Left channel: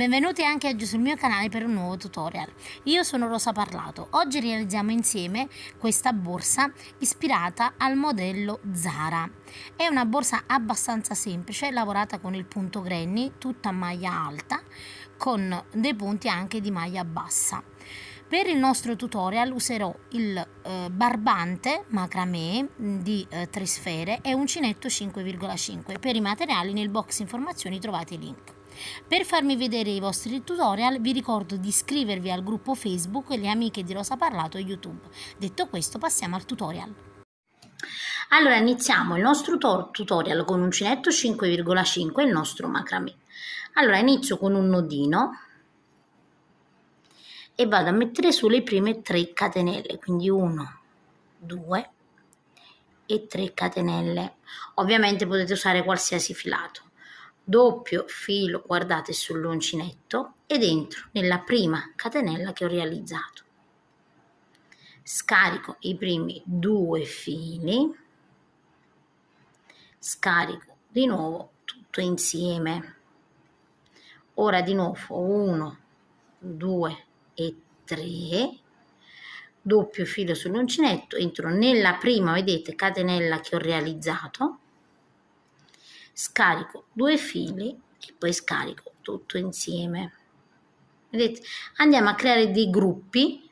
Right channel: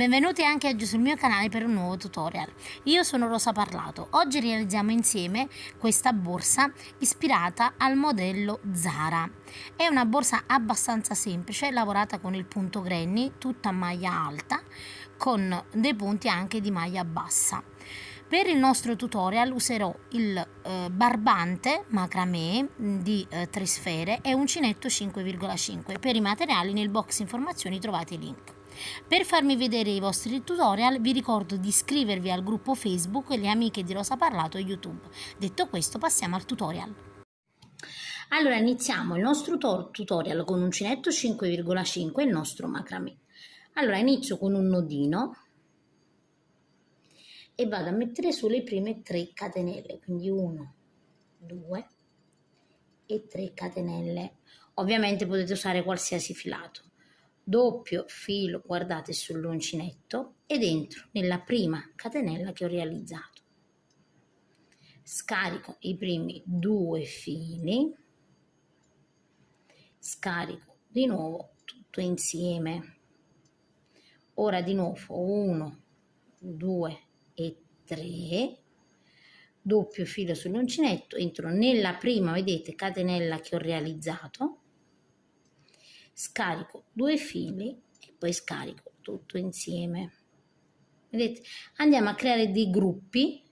Benvenuti anche oggi sul mio canale per un nuovo tutorial. Io sono Rosa Parlato. Oggi realizziamo insieme questa borsa ispirata al modello Zara. È una borsa abbastanza semplice, lavorata con il punto granny, tutta a maglia alta, con dei punti anche di maglia bassa. Per il nostro tutorial userò il barbante macramè di 3 sfere e uncinetto 5,5. Per i materiali nel box informazioni trovate i link. Per farmi vedere i vostri tutorial vi ricordo di iscrivervi al gruppo Facebook Le Amiche di Rosa Parlato e YouTube. Detto questo, passiamo al tutorial. Allora iniziamo il nostro tutorial con uncinetto 5,5 e il nostro macramè. Allora inizio con un nodino e vado a mettere sulle prime 3 catenelle, quindi 1, 2 e 3 catenelle. Ovviamente potete usare qualsiasi filato. Doppio filo, guardate, sull'uncinetto ed entro nella prima catenella che ho realizzato. Scarico i primi 2 fili, scarico di nuovo tutto insieme. Ora di nuovo 1, 2 e 3, doppio filo sull'uncinetto, entro nella prima, vedete, catenella che ho realizzato, scarico 2 fili e poi scarico tutto insieme. Vedete, andiamo a creare dei gruppi,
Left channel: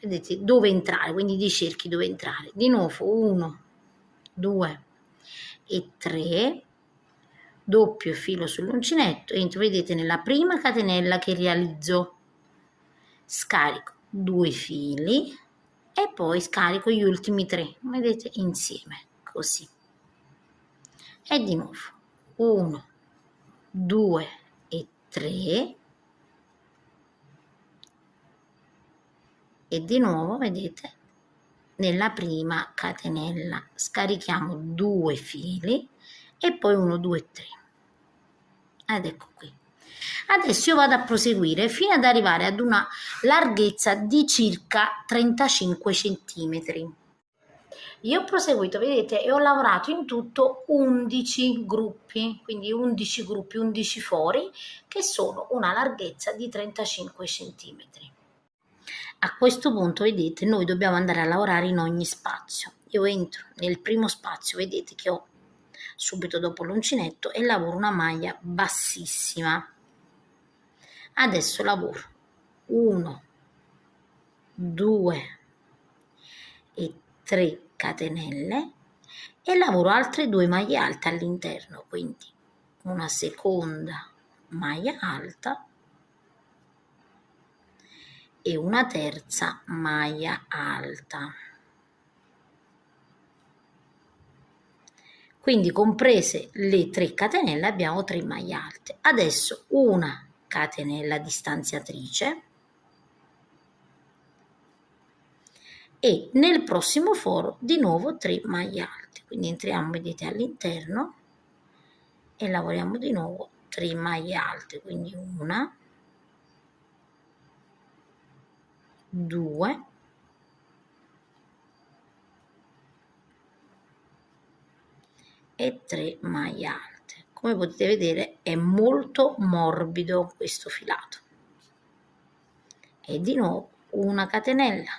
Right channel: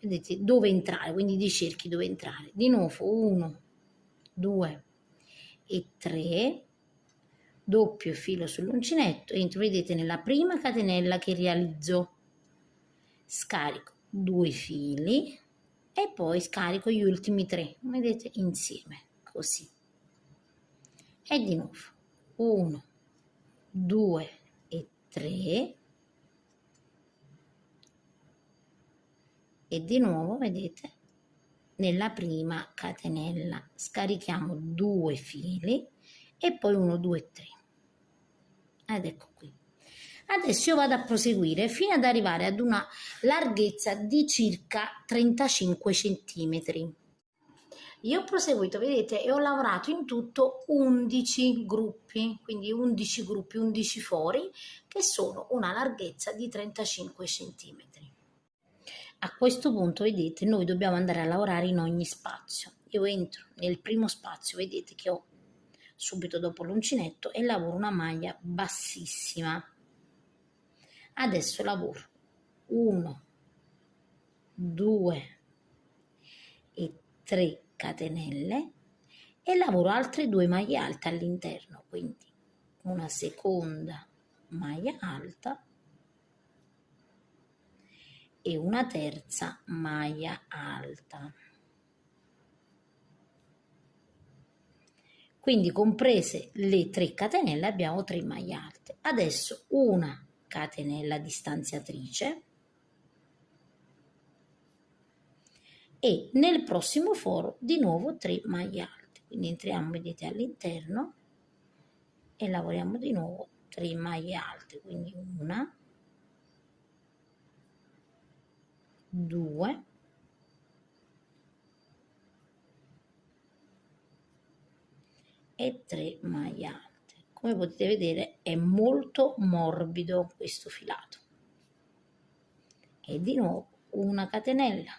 vedete, dove entrare, quindi dei cerchi dove entrare. Di nuovo 1, 2 e 3, doppio filo sull'uncinetto, entro, vedete, nella prima catenella che realizzo, scarico 2 fili e poi scarico gli ultimi 3, vedete, insieme, così. E di nuovo 1, 2 e 3 e di nuovo, vedete, nella prima catenella scarichiamo 2 fili e poi 1, 2, 3 ed ecco qui. Adesso io vado a proseguire fino ad arrivare ad una larghezza di circa 35 centimetri. Io ho proseguito, vedete, e ho lavorato in tutto 11 gruppi, quindi 11 gruppi, 11 fori, che sono una larghezza di 35 centimetri. A questo punto, vedete, noi dobbiamo andare a lavorare in ogni spazio. Io entro nel primo spazio, vedete che ho subito dopo l'uncinetto, e lavoro una maglia bassissima. Adesso lavoro 1, 2 e 3 catenelle e lavoro altre 2 maglie alte all'interno, quindi una seconda maglia alta e una terza maglia alta. Quindi comprese le 3 catenelle abbiamo 3 maglie alte. Adesso una catenella distanziatrice e nel prossimo foro di nuovo 3 maglie alte. Quindi entriamo, vedete, all'interno e lavoriamo di nuovo 3 maglie alte, quindi una, 2 e 3 maglie alte. Come potete vedere è molto morbido questo filato. E di nuovo una catenella.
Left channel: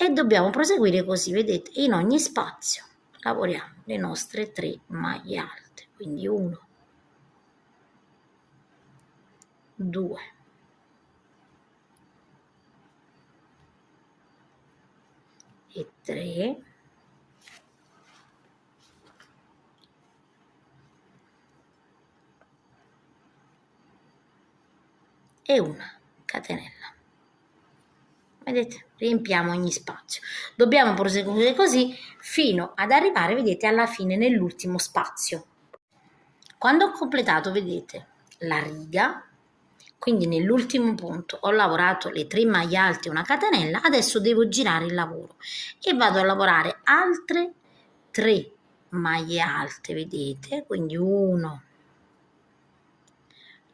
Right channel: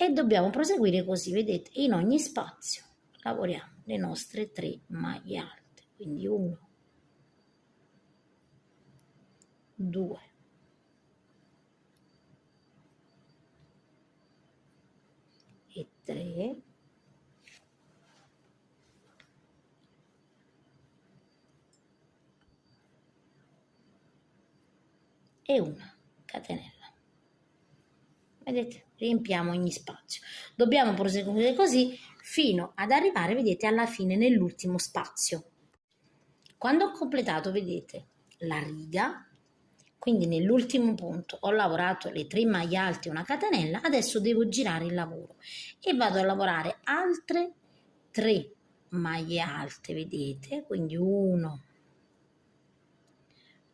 E dobbiamo proseguire così, vedete, in ogni spazio lavoriamo le nostre 3 maglie alte, quindi 1, 2 e 3 e una catenella. Vedete, riempiamo ogni spazio. Dobbiamo proseguire così fino ad arrivare, vedete, alla fine nell'ultimo spazio. Quando ho completato, vedete, la riga, quindi nell'ultimo punto ho lavorato le 3 maglie alte e una catenella, adesso devo girare il lavoro e vado a lavorare altre 3 maglie alte, vedete, quindi 1,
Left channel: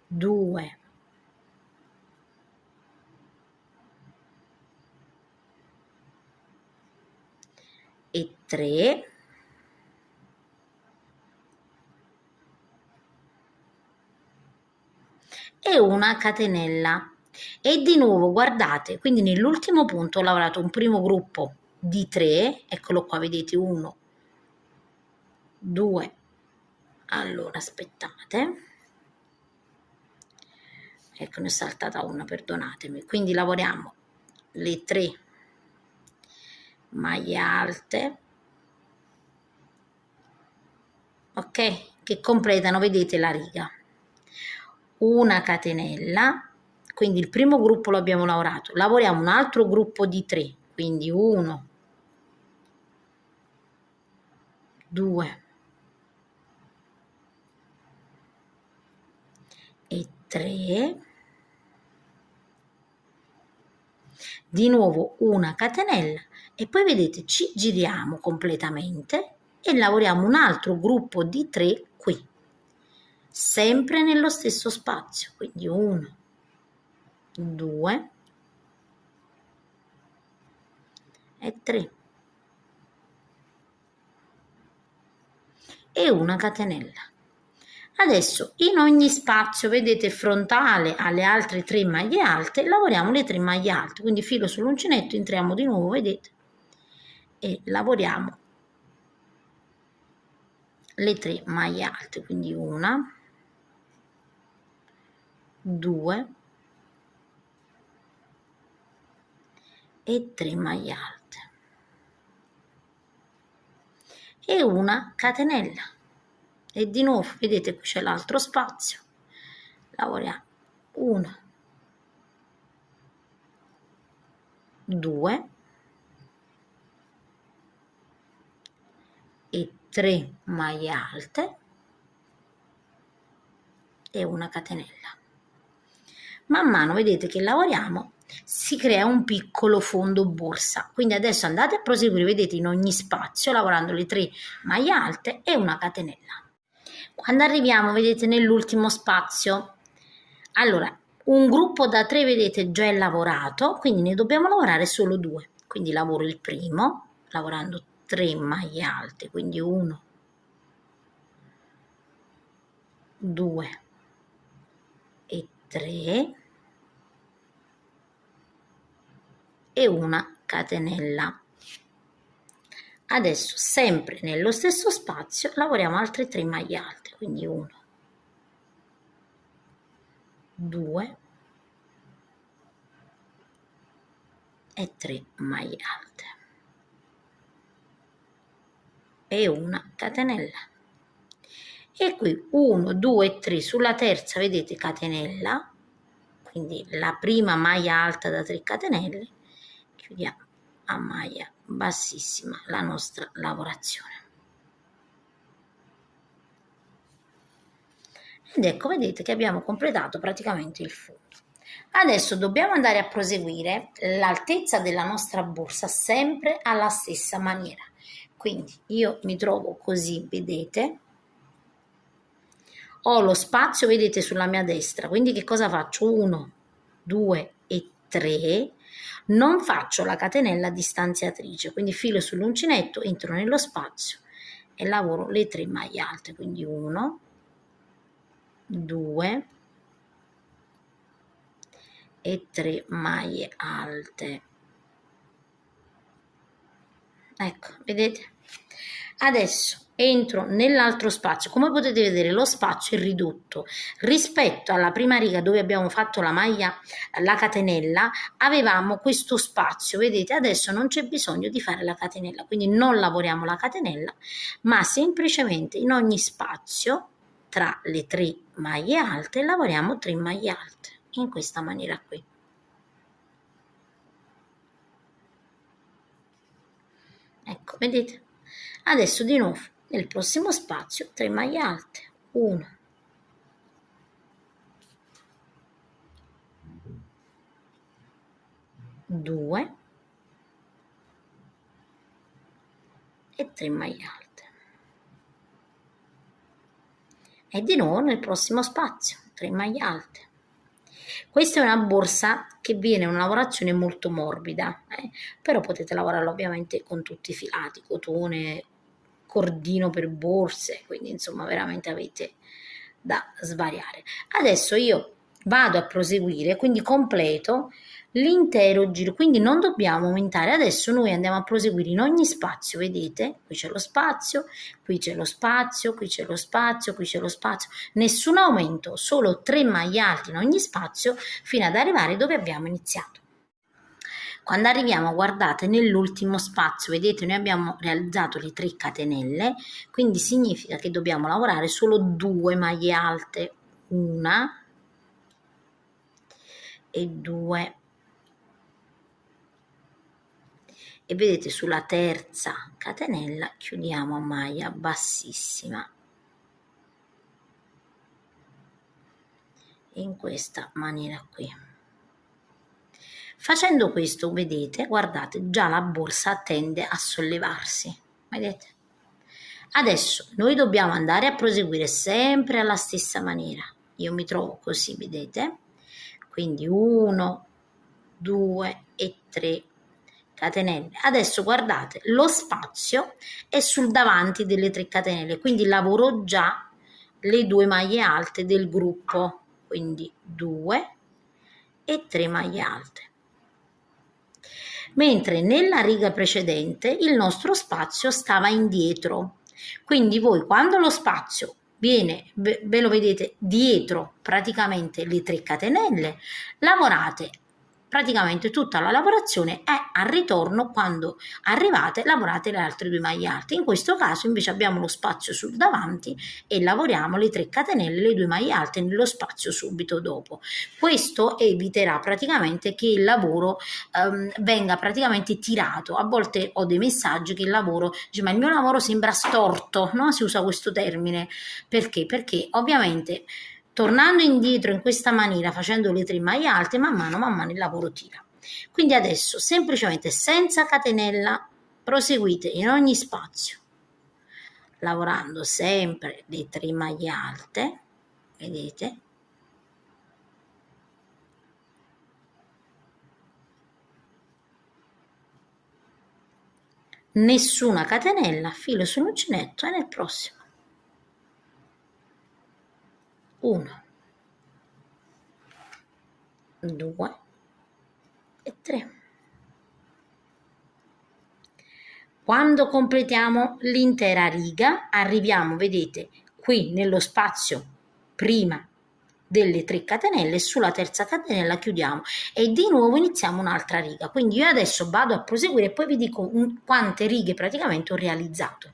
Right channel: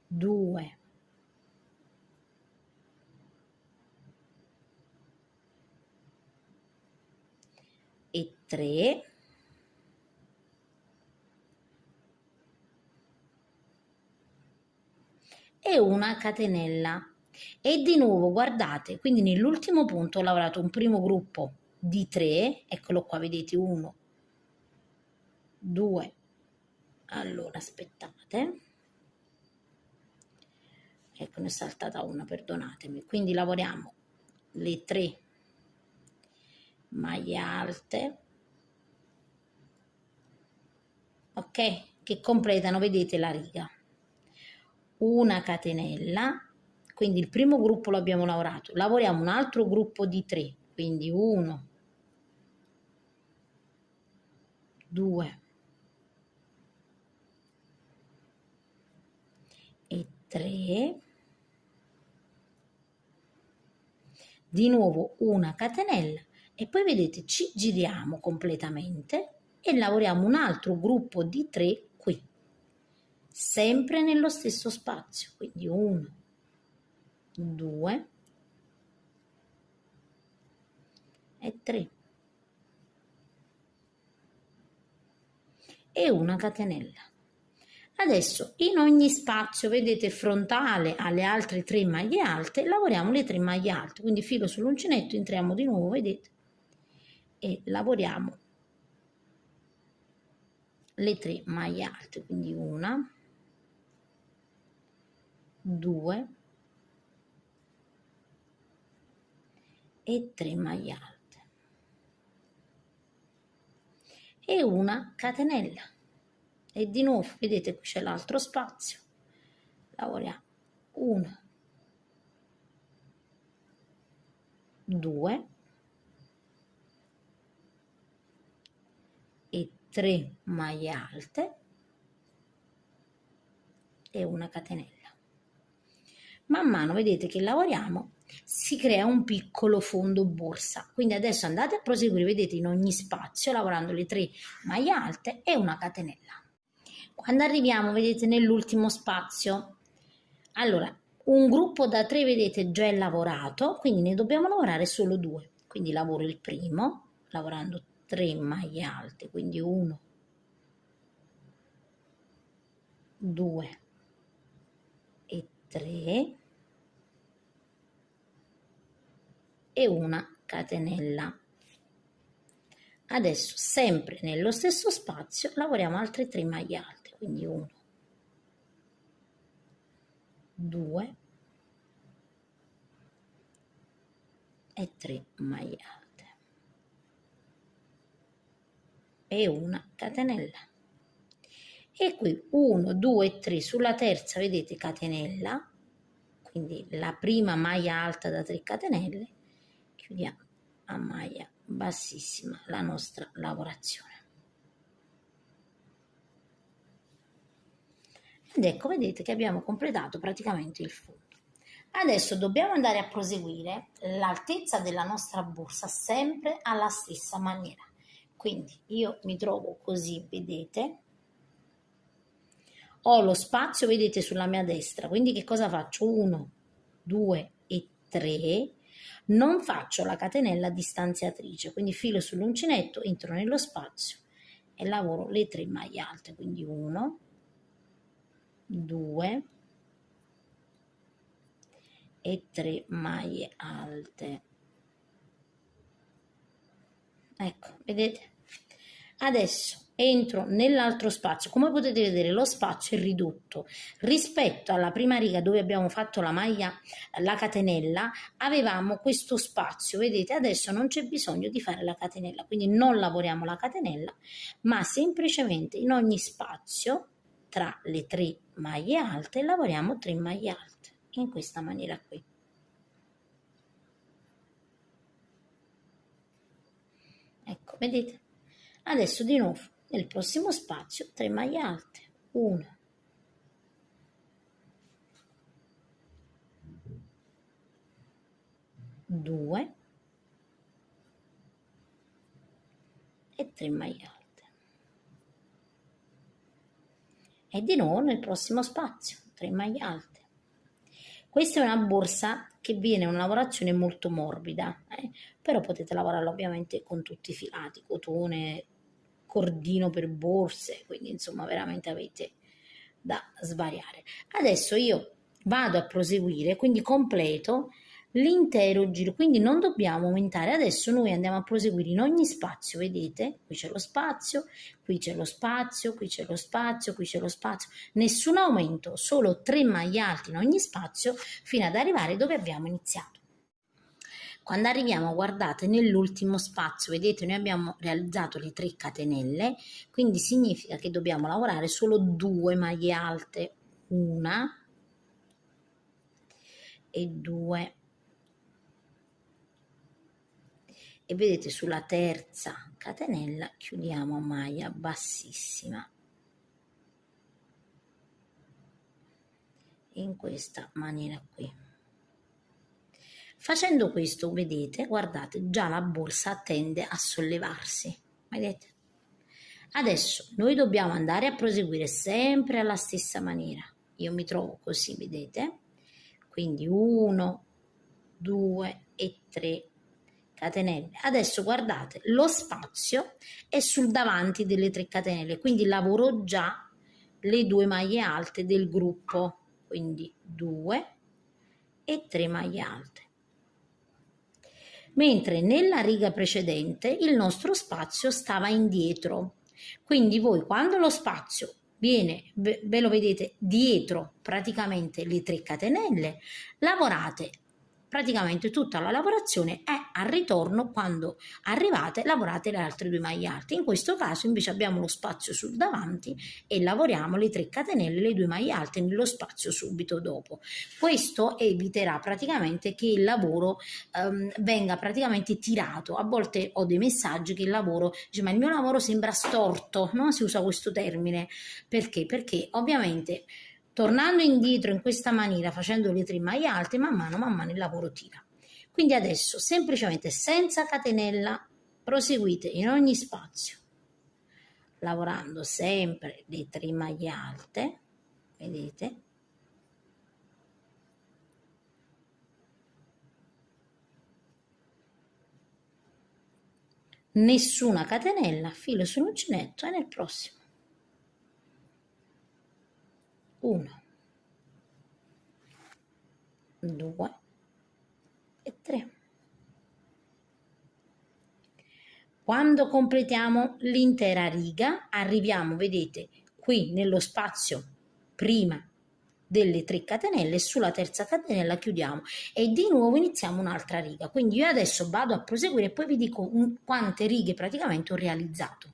2 e 3 e una catenella. E di nuovo guardate, quindi nell'ultimo punto ho lavorato un primo gruppo di 3, eccolo qua, vedete 1, 2, allora aspettate, ecco ne è saltata una, perdonatemi, quindi lavoriamo le 3 maglie alte, ok, che completano, vedete, la riga, una catenella, quindi il primo gruppo lo abbiamo lavorato, lavoriamo un altro gruppo di 3, quindi 1, 2 e 3, di nuovo una catenella e poi vedete ci giriamo completamente e lavoriamo un altro gruppo di 3 qui, sempre nello stesso spazio, quindi 1, 2 e 3 e una catenella. Adesso in ogni spazio, vedete, frontale alle altre 3 maglie alte, lavoriamo le 3 maglie alte, quindi filo sull'uncinetto, entriamo di nuovo, vedete, e lavoriamo le 3 maglie alte, quindi una, 2 e 3 maglie alte e una catenella. E di nuovo vedete qui c'è l'altro spazio, lavoriamo 1, 2 e 3 maglie alte e una catenella. Man mano vedete che lavoriamo si crea un piccolo fondo borsa, quindi adesso andate a proseguire, vedete, in ogni spazio lavorando le 3 maglie alte e una catenella. Quando arriviamo, vedete, nell'ultimo spazio, allora un gruppo da 3 vedete già è lavorato, quindi ne dobbiamo lavorare solo 2, quindi lavoro il primo lavorando 3 maglie alte, quindi 1, 2 e 3 e una catenella. Adesso sempre nello stesso spazio lavoriamo altre 3 maglie alte, quindi 1, 2 e 3 maglie alte e una catenella. E qui 1, 2 e 3 sulla terza, vedete, catenella, quindi la prima maglia alta da 3 catenelle, chiudiamo a maglia bassissima la nostra lavorazione. Ed ecco, vedete che abbiamo completato praticamente il fondo. Adesso dobbiamo andare a proseguire l'altezza della nostra borsa sempre alla stessa maniera. Quindi io mi trovo così, vedete, ho lo spazio, vedete, sulla mia destra, quindi che cosa faccio? 1, 2 e 3, non faccio la catenella distanziatrice, quindi filo sull'uncinetto, entro nello spazio e lavoro le 3 maglie alte, quindi 1, 2 e 3 maglie alte. Ecco, vedete? Adesso entro nell'altro spazio, come potete vedere lo spazio è ridotto rispetto alla prima riga dove abbiamo fatto la maglia, la catenella, avevamo questo spazio, vedete, adesso non c'è bisogno di fare la catenella, quindi non lavoriamo la catenella, ma semplicemente in ogni spazio tra le 3 maglie alte lavoriamo 3 maglie alte, in questa maniera qui. Ecco, vedete? Adesso di nuovo nel prossimo spazio 3 maglie alte, 1, 2 e 3 maglie alte. E di nuovo nel prossimo spazio 3 maglie alte. Questa è una borsa che viene una lavorazione molto morbida, però potete lavorarla ovviamente con tutti i filati, cotone, cordino per borse, quindi insomma veramente avete da svariare. Adesso io vado a proseguire, quindi completo l'intero giro, quindi non dobbiamo aumentare. Adesso noi andiamo a proseguire in ogni spazio, vedete? Qui c'è lo spazio, qui c'è lo spazio, qui c'è lo spazio, qui c'è lo spazio, nessun aumento, solo 3 maglie alte in ogni spazio fino ad arrivare dove abbiamo iniziato. Quando arriviamo, guardate, nell'ultimo spazio, vedete, noi abbiamo realizzato le 3 catenelle, quindi significa che dobbiamo lavorare solo 2 maglie alte, una e 2. E vedete, sulla terza catenella chiudiamo a maglia bassissima in questa maniera qui. Facendo questo, vedete, guardate, già la borsa tende a sollevarsi, vedete? Adesso noi dobbiamo andare a proseguire sempre alla stessa maniera. Io mi trovo così, vedete? Quindi 1, 2 e 3 catenelle. Adesso guardate, lo spazio è sul davanti delle 3 catenelle, quindi lavoro già le 2 maglie alte del gruppo, quindi 2 e 3 maglie alte. Mentre nella riga precedente il nostro spazio stava indietro, quindi voi quando lo spazio viene, ve lo vedete dietro praticamente le 3 catenelle, lavorate praticamente tutta la lavorazione e al ritorno, quando arrivate, lavorate le altre 2 maglie alte. In questo caso invece abbiamo lo spazio sul davanti e lavoriamo le 3 catenelle, le 2 maglie alte nello spazio subito dopo. Questo eviterà praticamente che il lavoro venga praticamente tirato. A volte ho dei messaggi che il lavoro, dice, ma il mio lavoro sembra storto, no? Si usa questo termine. Perché? Perché ovviamente tornando indietro in questa maniera, facendo le 3 maglie alte, man mano il lavoro tira. Quindi adesso semplicemente senza catenella proseguite in ogni spazio, lavorando sempre le 3 maglie alte, vedete? Nessuna catenella, filo sull'uncinetto e nel prossimo. 1, 2 e 3. Quando completiamo l'intera riga, arriviamo, vedete, qui nello spazio prima delle 3 catenelle, sulla terza catenella chiudiamo e di nuovo iniziamo un'altra riga. Quindi io adesso vado a proseguire e poi vi dico quante righe praticamente ho realizzato.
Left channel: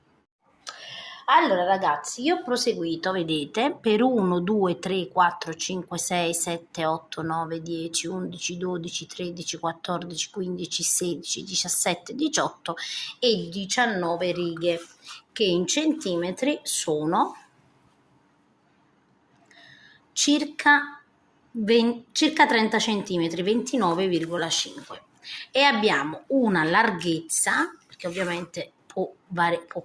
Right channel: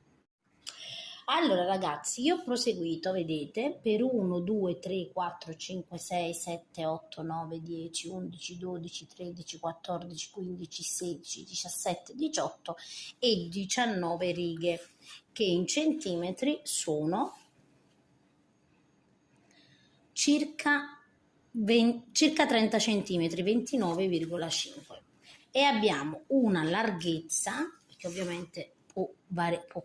Allora ragazzi, io ho proseguito, vedete, per 1, 2, 3, 4, 5, 6, 7, 8, 9, 10, 11, 12, 13, 14, 15, 16, 17, 18 e 19 righe, che in centimetri sono circa 30 centimetri, 29,5. E abbiamo una larghezza, che ovviamente può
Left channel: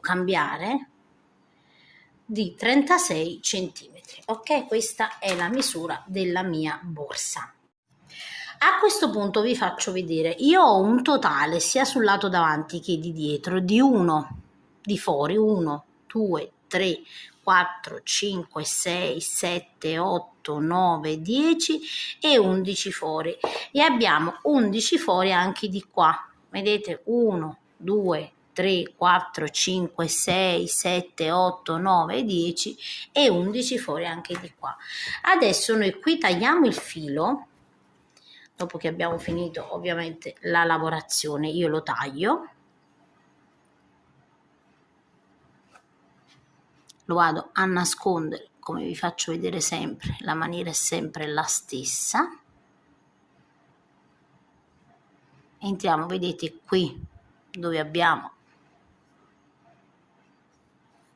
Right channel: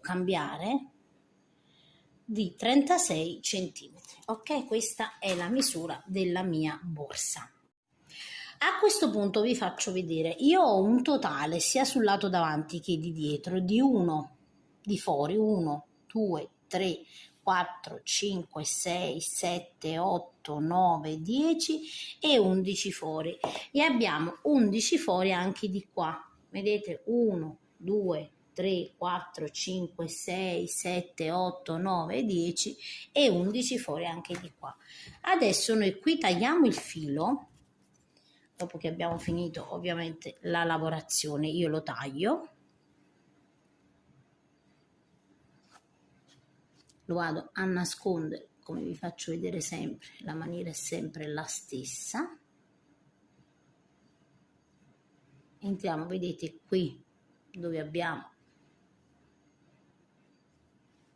cambiare, di 36 centimetri. Ok, questa è la misura della mia borsa. A questo punto vi faccio vedere, io ho un totale sia sul lato davanti che di dietro di 1 di fuori, 1, 2, 3, 4, 5, 6, 7, 8, 9, 10 e 11 fuori, e abbiamo 11 fuori anche di qua, vedete, 1, 2, 3, 4, 5, 6, 7, 8, 9, 10 e 11 fuori anche di qua. Adesso noi qui tagliamo il filo, dopo che abbiamo finito ovviamente la lavorazione io lo taglio, lo vado a nascondere, come vi faccio vedere sempre, la maniera è sempre la stessa. Entriamo, vedete qui dove abbiamo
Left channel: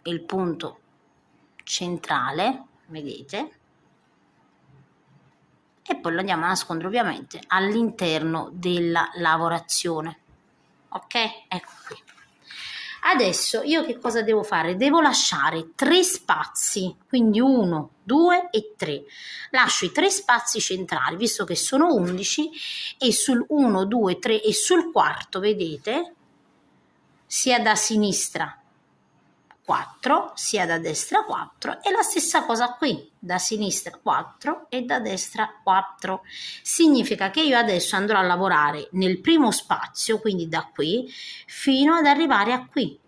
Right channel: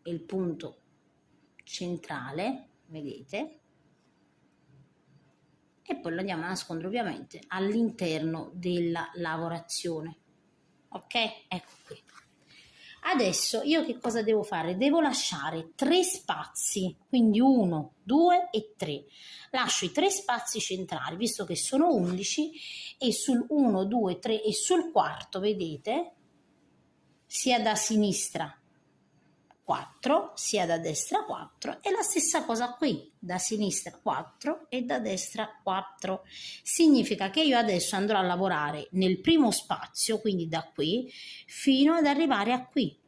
il punto centrale, vedete, e poi lo andiamo a nascondere ovviamente all'interno della lavorazione. Ok, ecco qui. Adesso io che cosa devo fare? Devo lasciare 3 spazi, quindi 1, 2 e 3. Lascio i 3 spazi centrali, visto che sono 11, e sul 1, 2, 3 e sul quarto, vedete, sia da sinistra 4, sia da destra 4 e la stessa cosa qui, da sinistra 4 e da destra 4. Significa che io adesso andrò a lavorare nel primo spazio, quindi da qui, fino ad arrivare a qui.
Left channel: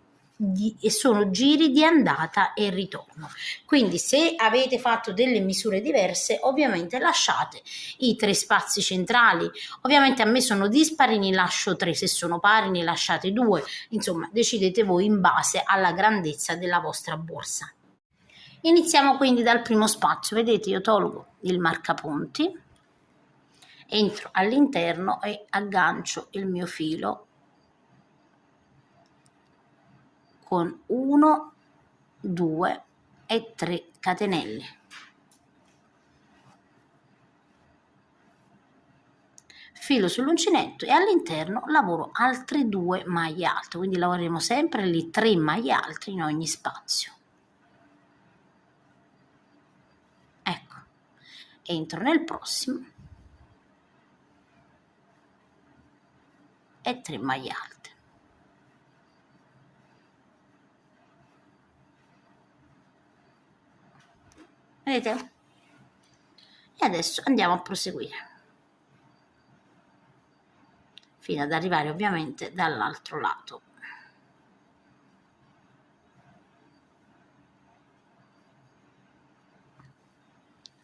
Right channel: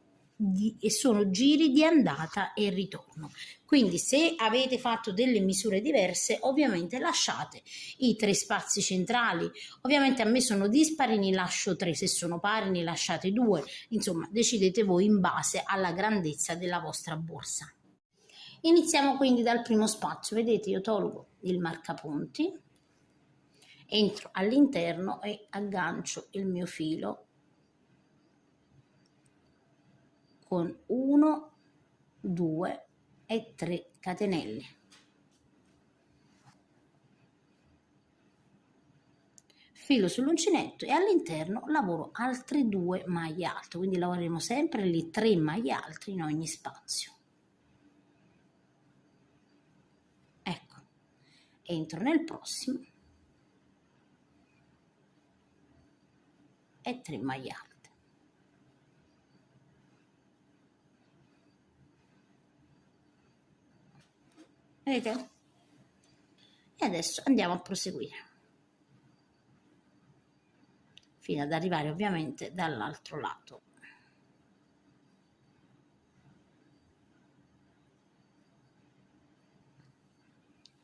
E sono giri di andata e ritorno. Quindi se avete fatto delle misure diverse, ovviamente lasciate i 3 spazi centrali. Ovviamente a me sono dispari, ne lascio 3, se sono pari ne lasciate 2, insomma decidete voi in base alla grandezza della vostra borsa. Iniziamo quindi dal primo spazio. Vedete, io tolgo il marcapunti, entro all'interno e aggancio il mio filo con 1, 2 e 3 catenelle. Filo sull'uncinetto e all'interno lavoro altre 2 maglie alte, quindi lavoreremo sempre le 3 maglie alte in ogni spazio. Ecco, entro nel prossimo e 3 maglie alte. Vedete? E adesso andiamo a proseguire fino ad arrivare ovviamente dall'altro lato.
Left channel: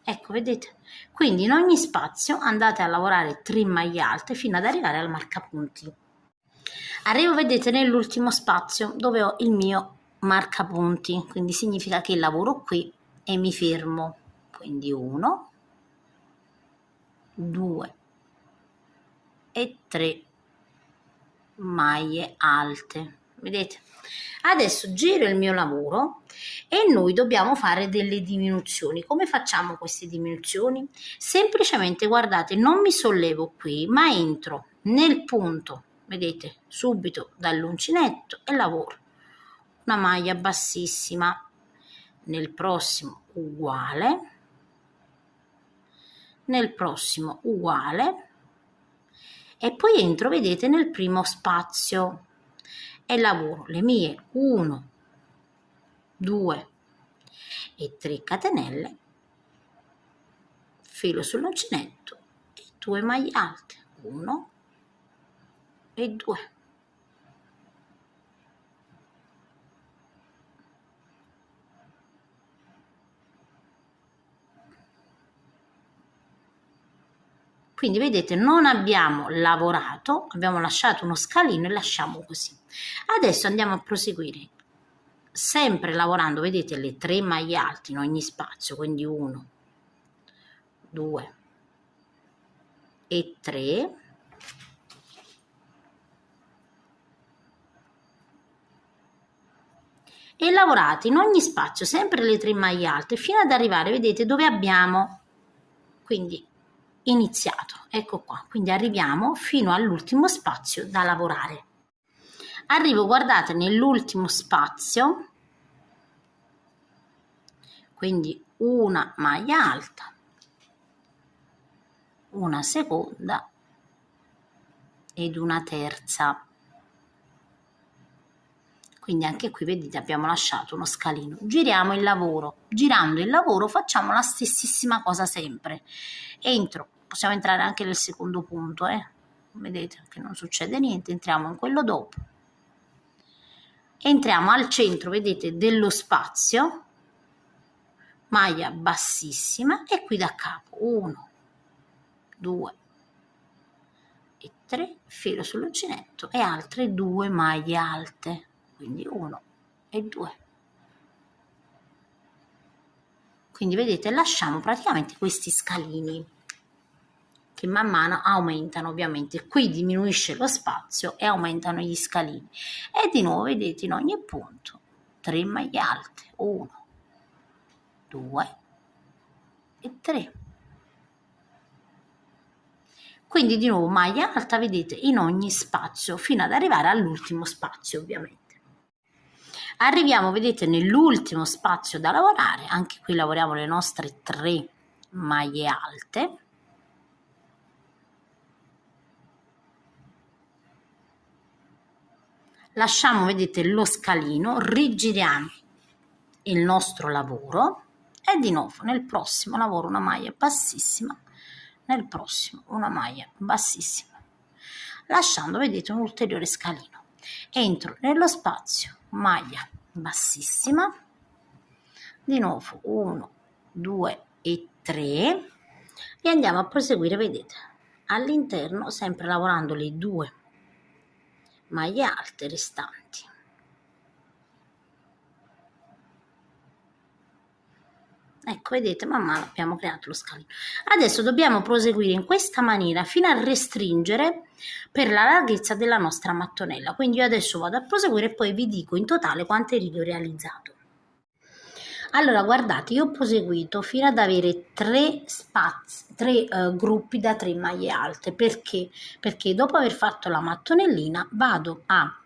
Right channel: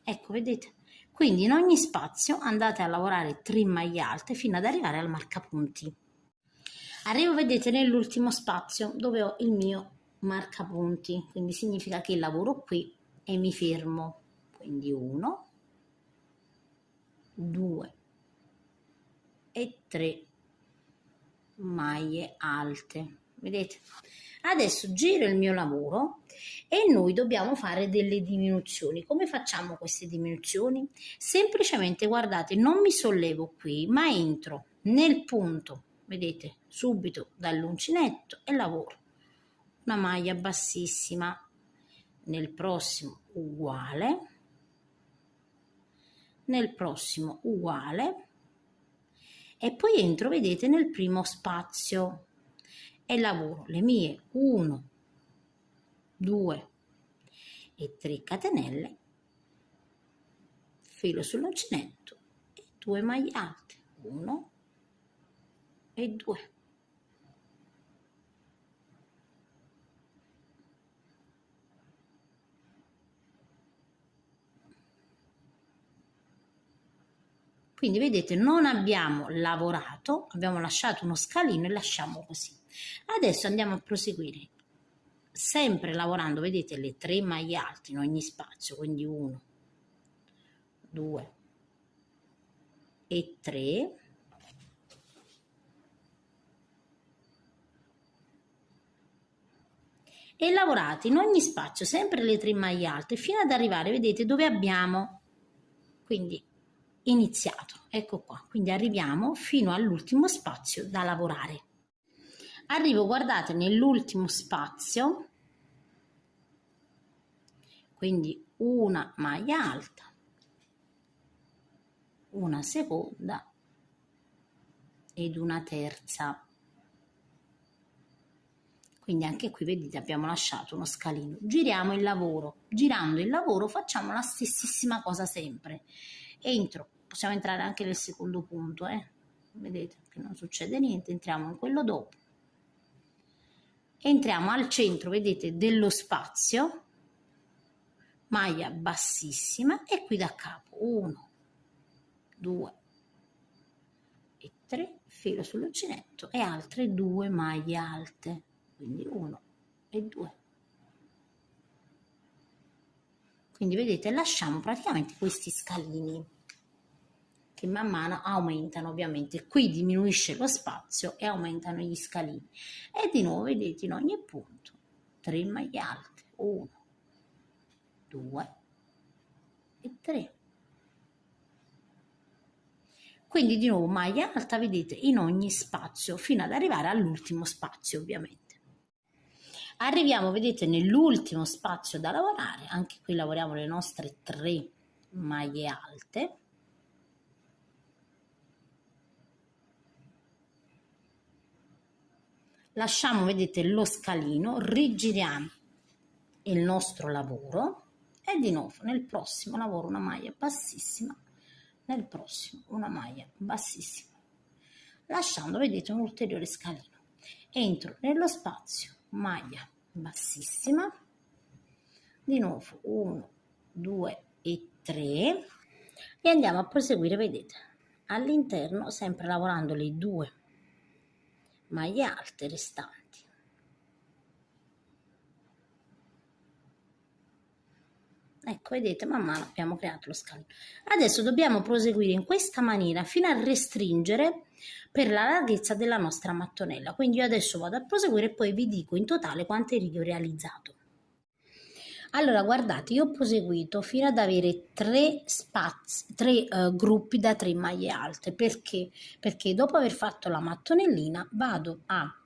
Ecco, vedete? Quindi in ogni spazio andate a lavorare 3 maglie alte fino ad arrivare al marcapunti. Arrivo, vedete, nell'ultimo spazio dove ho il mio marcapunti, quindi significa che lavoro qui e mi fermo. Quindi 1, 2 e 3 maglie alte. Vedete? Adesso giro il mio lavoro e noi dobbiamo fare delle diminuzioni. Come facciamo queste diminuzioni? Semplicemente, guardate, non mi sollevo qui, ma entro nel punto, vedete, subito dall'uncinetto e lavoro una maglia bassissima, nel prossimo uguale, nel prossimo uguale e poi entro, vedete, nel primo spazio e lavoro le mie 1, 2 e 3 catenelle, filo sull'uncinetto e 2 maglie alte, 1 e 2. Quindi vedete, non abbiamo lavorato, abbiamo lasciato uno scalino e lasciamo così. Adesso andiamo a proseguire sempre lavorando, vedete, le 3 maglie alte in ogni spazio, quindi 1, 2 e 3. E lavorate in ogni spazio sempre le 3 maglie alte fino ad arrivare, vedete, dove abbiamo quindi iniziato. Ecco qua, quindi arriviamo fino all'ultimo spazio da lavorare. Arrivo, guardate, nell'ultimo spazio, quindi una maglia alta, una seconda ed una terza. Quindi anche qui, vedete, abbiamo lasciato uno scalino. Giriamo il lavoro. Girando il lavoro facciamo la stessissima cosa sempre. Entro, possiamo entrare anche nel secondo punto, vedete che non succede niente, entriamo in quello dopo. Entriamo al centro, vedete, dello spazio, maglia bassissima e qui da capo 1, 2 e 3, filo sull'uncinetto e altre 2 maglie alte, quindi 1 e 2. Quindi vedete, lasciamo praticamente questi scalini che man mano aumentano, ovviamente qui diminuisce lo spazio e aumentano gli scalini e di nuovo, vedete, in ogni punto 3 maglie alte, 1, 2 e 3. Quindi di nuovo maglia alta, vedete, in ogni spazio fino ad arrivare all'ultimo spazio, ovviamente. Arriviamo, vedete, nell'ultimo spazio da lavorare, anche qui lavoriamo le nostre 3 maglie alte. Lasciamo, vedete, lo scalino, rigiriamo il nostro lavoro e di nuovo nel prossimo lavoro una maglia bassissima, nel prossimo una maglia bassissima, lasciando, vedete, un ulteriore scalino. Entro nello spazio, maglia bassissima, di nuovo 1, 2 e 3 e andiamo a proseguire, vedete, all'interno sempre lavorando le 2 maglie alte restanti. Ecco, vedete, man mano abbiamo creato lo scalino. Adesso dobbiamo proseguire in questa maniera fino a restringere per la larghezza della nostra mattonella. Quindi io adesso vado a proseguire e poi vi dico in totale quante righe ho realizzato. Allora, guardate, io ho proseguito fino ad avere 3 gruppi da 3 maglie alte. Perché? Perché dopo aver fatto la mattonellina vado a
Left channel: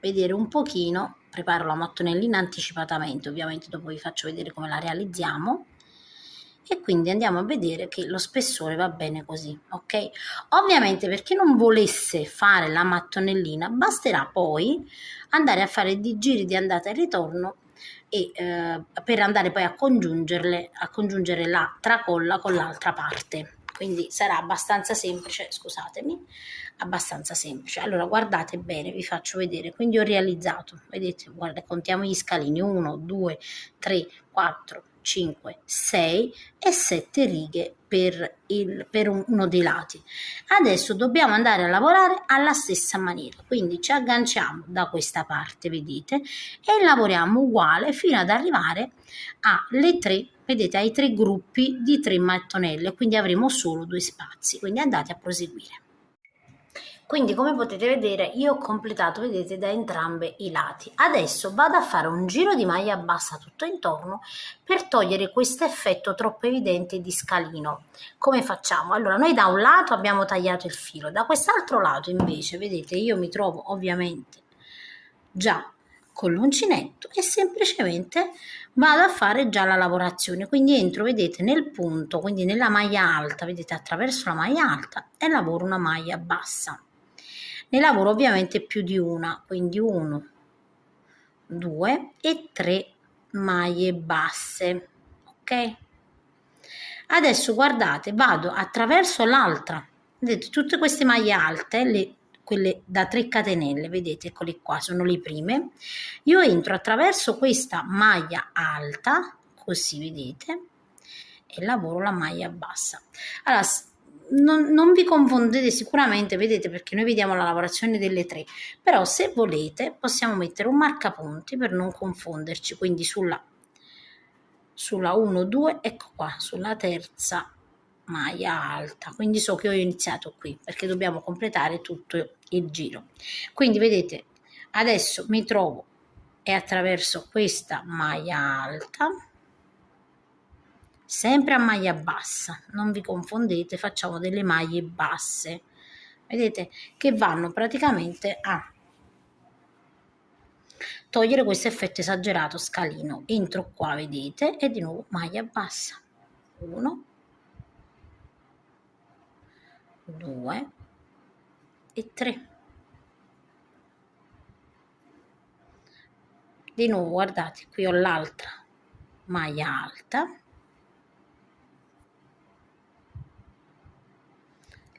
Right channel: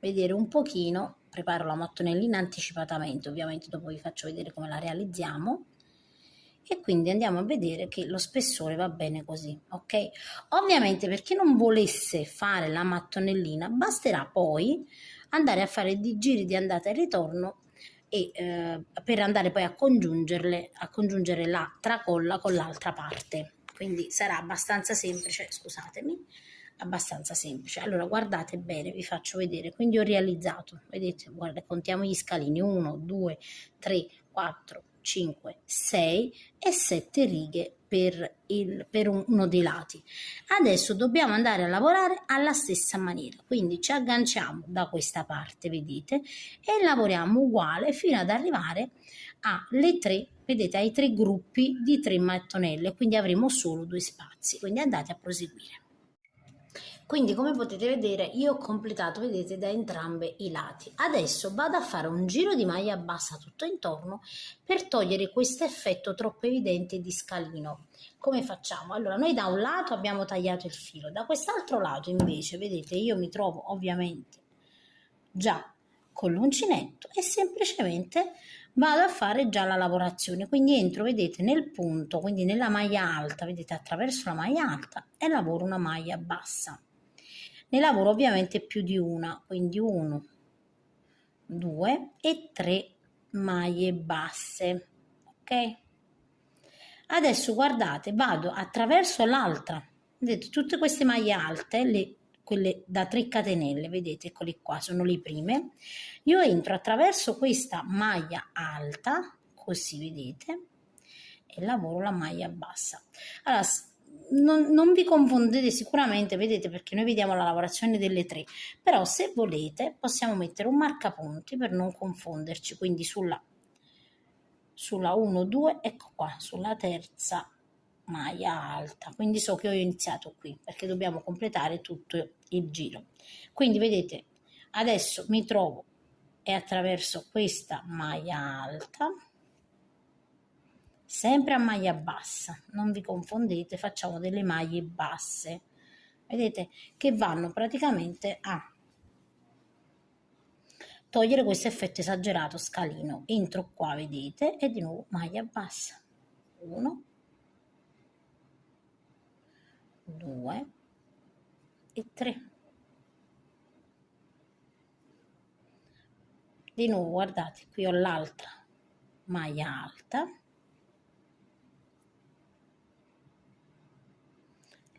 vedere un pochino, preparo la mattonellina anticipatamente, ovviamente dopo vi faccio vedere come la realizziamo, e quindi andiamo a vedere che lo spessore va bene così, ok? Ovviamente per chi non volesse fare la mattonellina basterà poi andare a fare dei giri di andata e ritorno e per andare poi a congiungere la tracolla con l'altra parte, quindi sarà abbastanza semplice, scusatemi, abbastanza semplice. Allora guardate bene, vi faccio vedere. Quindi ho realizzato, vedete, guarda, contiamo gli scalini: 1, 2, 3, 4, 5, 6 e 7 righe per uno dei lati. Adesso dobbiamo andare a lavorare alla stessa maniera, quindi ci agganciamo da questa parte, vedete, e lavoriamo uguale fino ad arrivare alle 3, vedete, ai 3 gruppi di 3 mattonelle, quindi avremo solo 2 spazi. Quindi andate a proseguire. Quindi come potete vedere io ho completato, vedete, da entrambi i lati. Adesso vado a fare un giro di maglia bassa tutto intorno per togliere questo effetto troppo evidente di scalino. Come facciamo? Allora, noi da un lato abbiamo tagliato il filo, da quest'altro lato invece, vedete, io mi trovo ovviamente già con l'uncinetto e semplicemente vado a fare già la lavorazione. Quindi entro, vedete, nel punto, quindi nella maglia alta, vedete, attraverso la maglia alta e lavoro una maglia bassa. Ne lavoro ovviamente più di una, quindi 1, 2 e 3 maglie basse, ok? Adesso guardate, vado attraverso l'altra, vedete, tutte queste maglie alte, quelle da 3 catenelle, vedete, eccole qua, sono le prime. Io entro attraverso questa maglia alta, così vedete, e lavoro la maglia bassa. Allora, non vi confondete sicuramente, vedete, perché noi vediamo la lavorazione delle 3, però se volete possiamo mettere un marcapunti per non confonderci, quindi sulla 1, 2, ecco qua, sulla terza maglia alta, quindi so che ho iniziato qui perché dobbiamo completare tutto il giro. Quindi vedete, adesso mi trovo e attraverso questa maglia alta, sempre a maglia bassa, non vi confondete, facciamo delle maglie basse, vedete, che vanno praticamente a togliere questo effetto esagerato scalino. Entro qua, vedete, e di nuovo maglia bassa, 1, 2 e 3. Di nuovo guardate, qui ho l'altra maglia alta,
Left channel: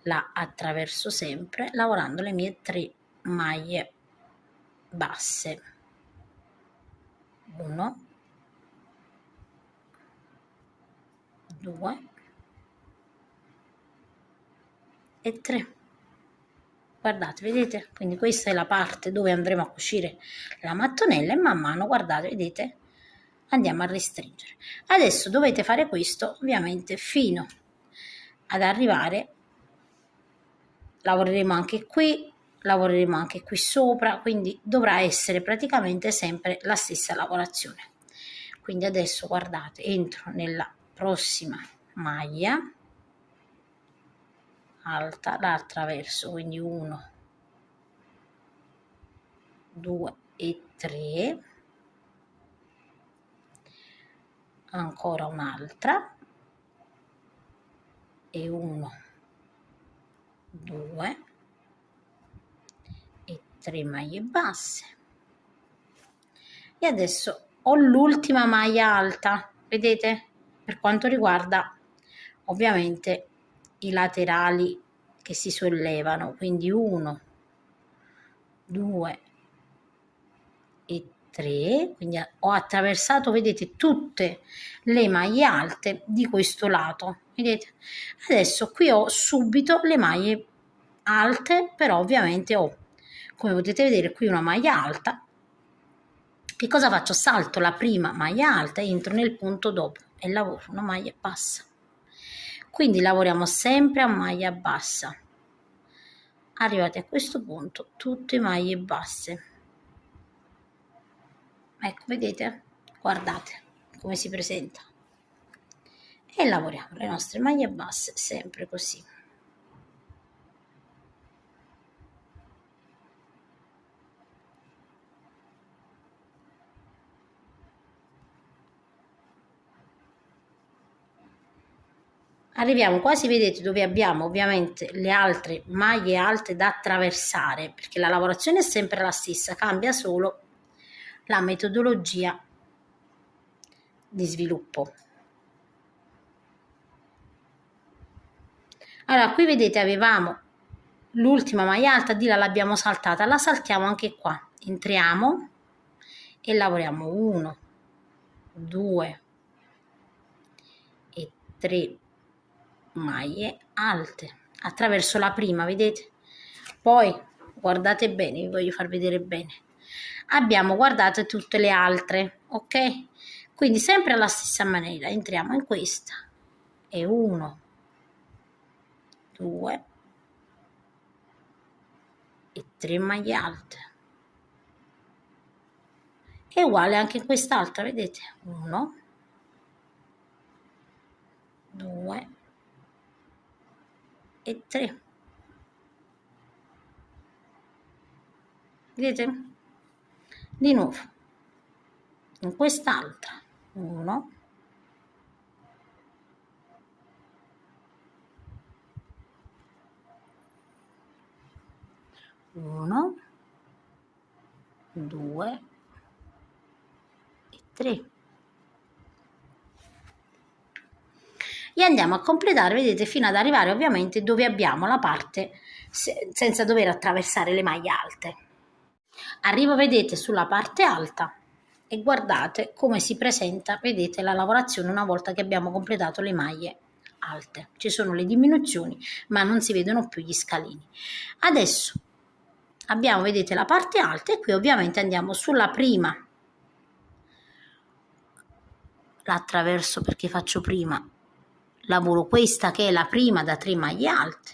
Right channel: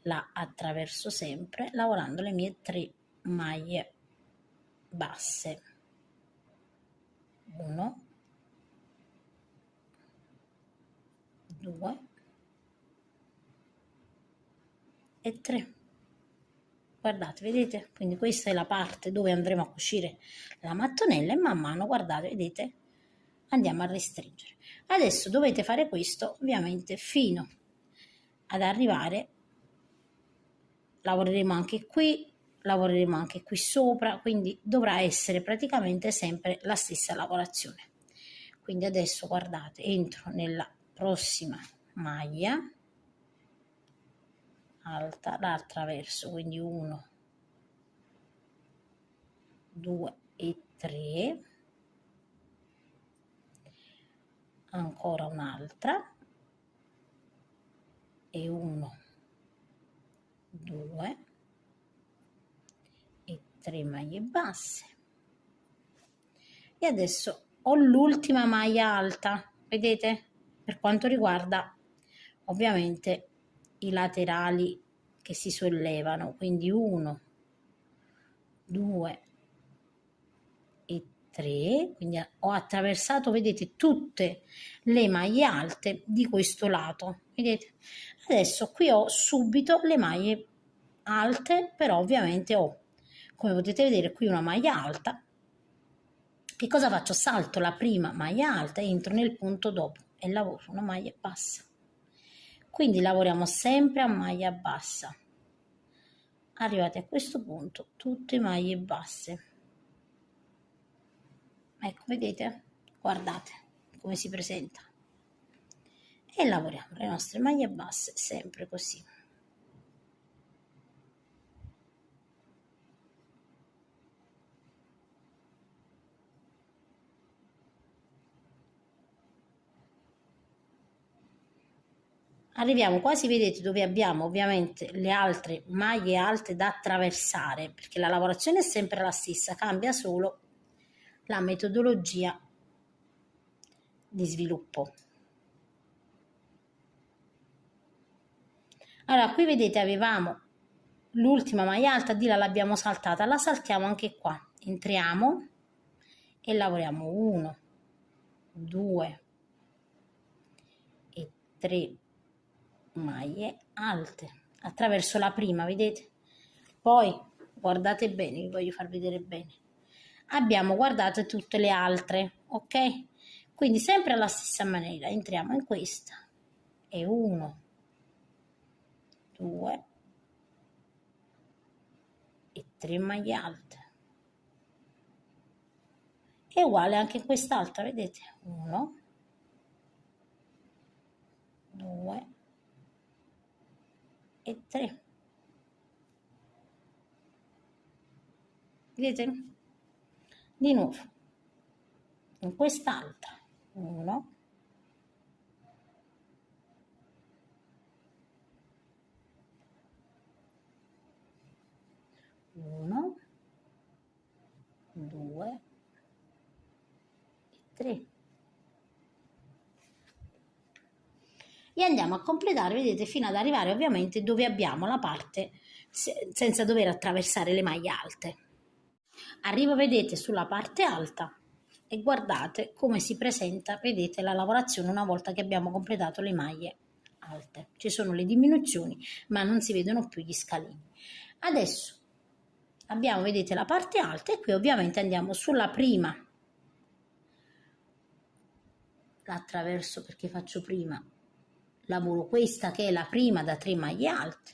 la attraverso sempre lavorando le mie 3 maglie basse, 1, 2 e 3. Guardate, vedete? Quindi questa è la parte dove andremo a cucire la mattonella e man mano, guardate, vedete, andiamo a restringere. Adesso dovete fare questo ovviamente fino ad arrivare, lavoreremo anche qui sopra, quindi dovrà essere praticamente sempre la stessa lavorazione. Quindi adesso guardate, entro nella prossima maglia alta, la attraverso, quindi 1, 2 e 3, ancora un'altra e 1, 2 e 3 maglie basse e adesso ho l'ultima maglia alta, vedete? Per quanto riguarda ovviamente i laterali che si sollevano, quindi 1, 2 e 3, quindi ho attraversato, vedete, tutte le maglie alte di questo lato, vedete? Adesso qui ho subito le maglie alte, però ovviamente ho, come potete vedere, qui una maglia alta. Che cosa faccio? Salto la prima maglia alta e entro nel punto dopo e lavoro una maglia bassa. Quindi lavoriamo sempre a maglia bassa. Arrivati a questo punto, tutte maglie basse. Ecco, vedete? Guardate come si presenta. E lavoriamo le nostre maglie basse sempre così. Arriviamo quasi, vedete, dove abbiamo ovviamente le altre maglie alte da attraversare, perché la lavorazione è sempre la stessa, cambia solo la metodologia di sviluppo. Allora, qui vedete avevamo l'ultima maglia alta, di là l'abbiamo saltata, la saltiamo anche qua, entriamo e lavoriamo 1, 2 e 3 maglie alte attraverso la prima, vedete? Poi guardate bene, vi voglio far vedere bene, abbiamo guardate tutte le altre, ok? Quindi sempre alla stessa maniera entriamo in questa e 1, 2 e 3 maglie alte, è uguale anche in quest'altra, vedete? 1, 2 e 3, vedete? Di nuovo in quest'altra 1, 1, 2 e 3 e andiamo a completare, vedete, fino ad arrivare ovviamente dove abbiamo la parte senza dover attraversare le maglie alte. Arrivo, vedete, sulla parte alta e guardate come si presenta, vedete, la lavorazione una volta che abbiamo completato le maglie alte. Ci sono le diminuzioni, ma non si vedono più gli scalini. Adesso abbiamo, vedete, la parte alta e qui ovviamente andiamo sulla prima, la attraverso perché faccio prima, lavoro questa che è la prima da 3 maglie alte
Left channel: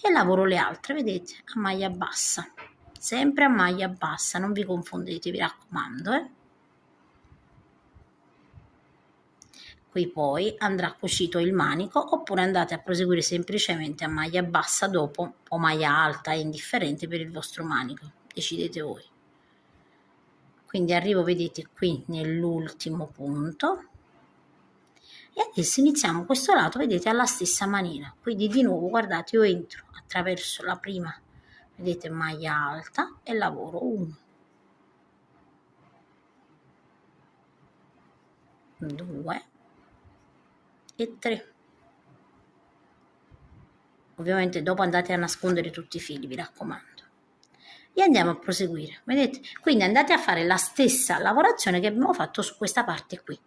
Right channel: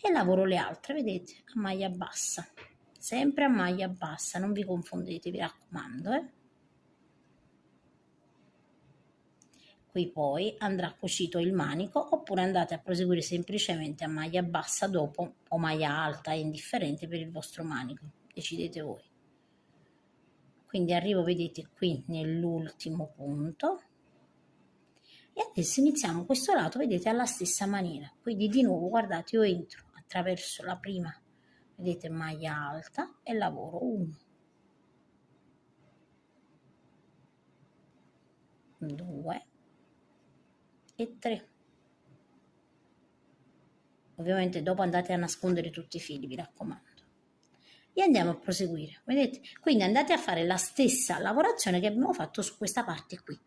e lavoro le altre, vedete, a maglia bassa, sempre a maglia bassa, non vi confondete, vi raccomando. Qui poi andrà cucito il manico oppure andate a proseguire semplicemente a maglia bassa dopo o maglia alta, è indifferente per il vostro manico, decidete voi. Quindi arrivo, vedete, qui nell'ultimo punto e adesso iniziamo questo lato, vedete, alla stessa maniera. Quindi di nuovo, guardate, io entro attraverso la prima, vedete, maglia alta e lavoro 1, 2 e 3. Ovviamente dopo andate a nascondere tutti i fili, vi raccomando. E andiamo a proseguire, vedete? Quindi andate a fare la stessa lavorazione che abbiamo fatto su questa parte qui.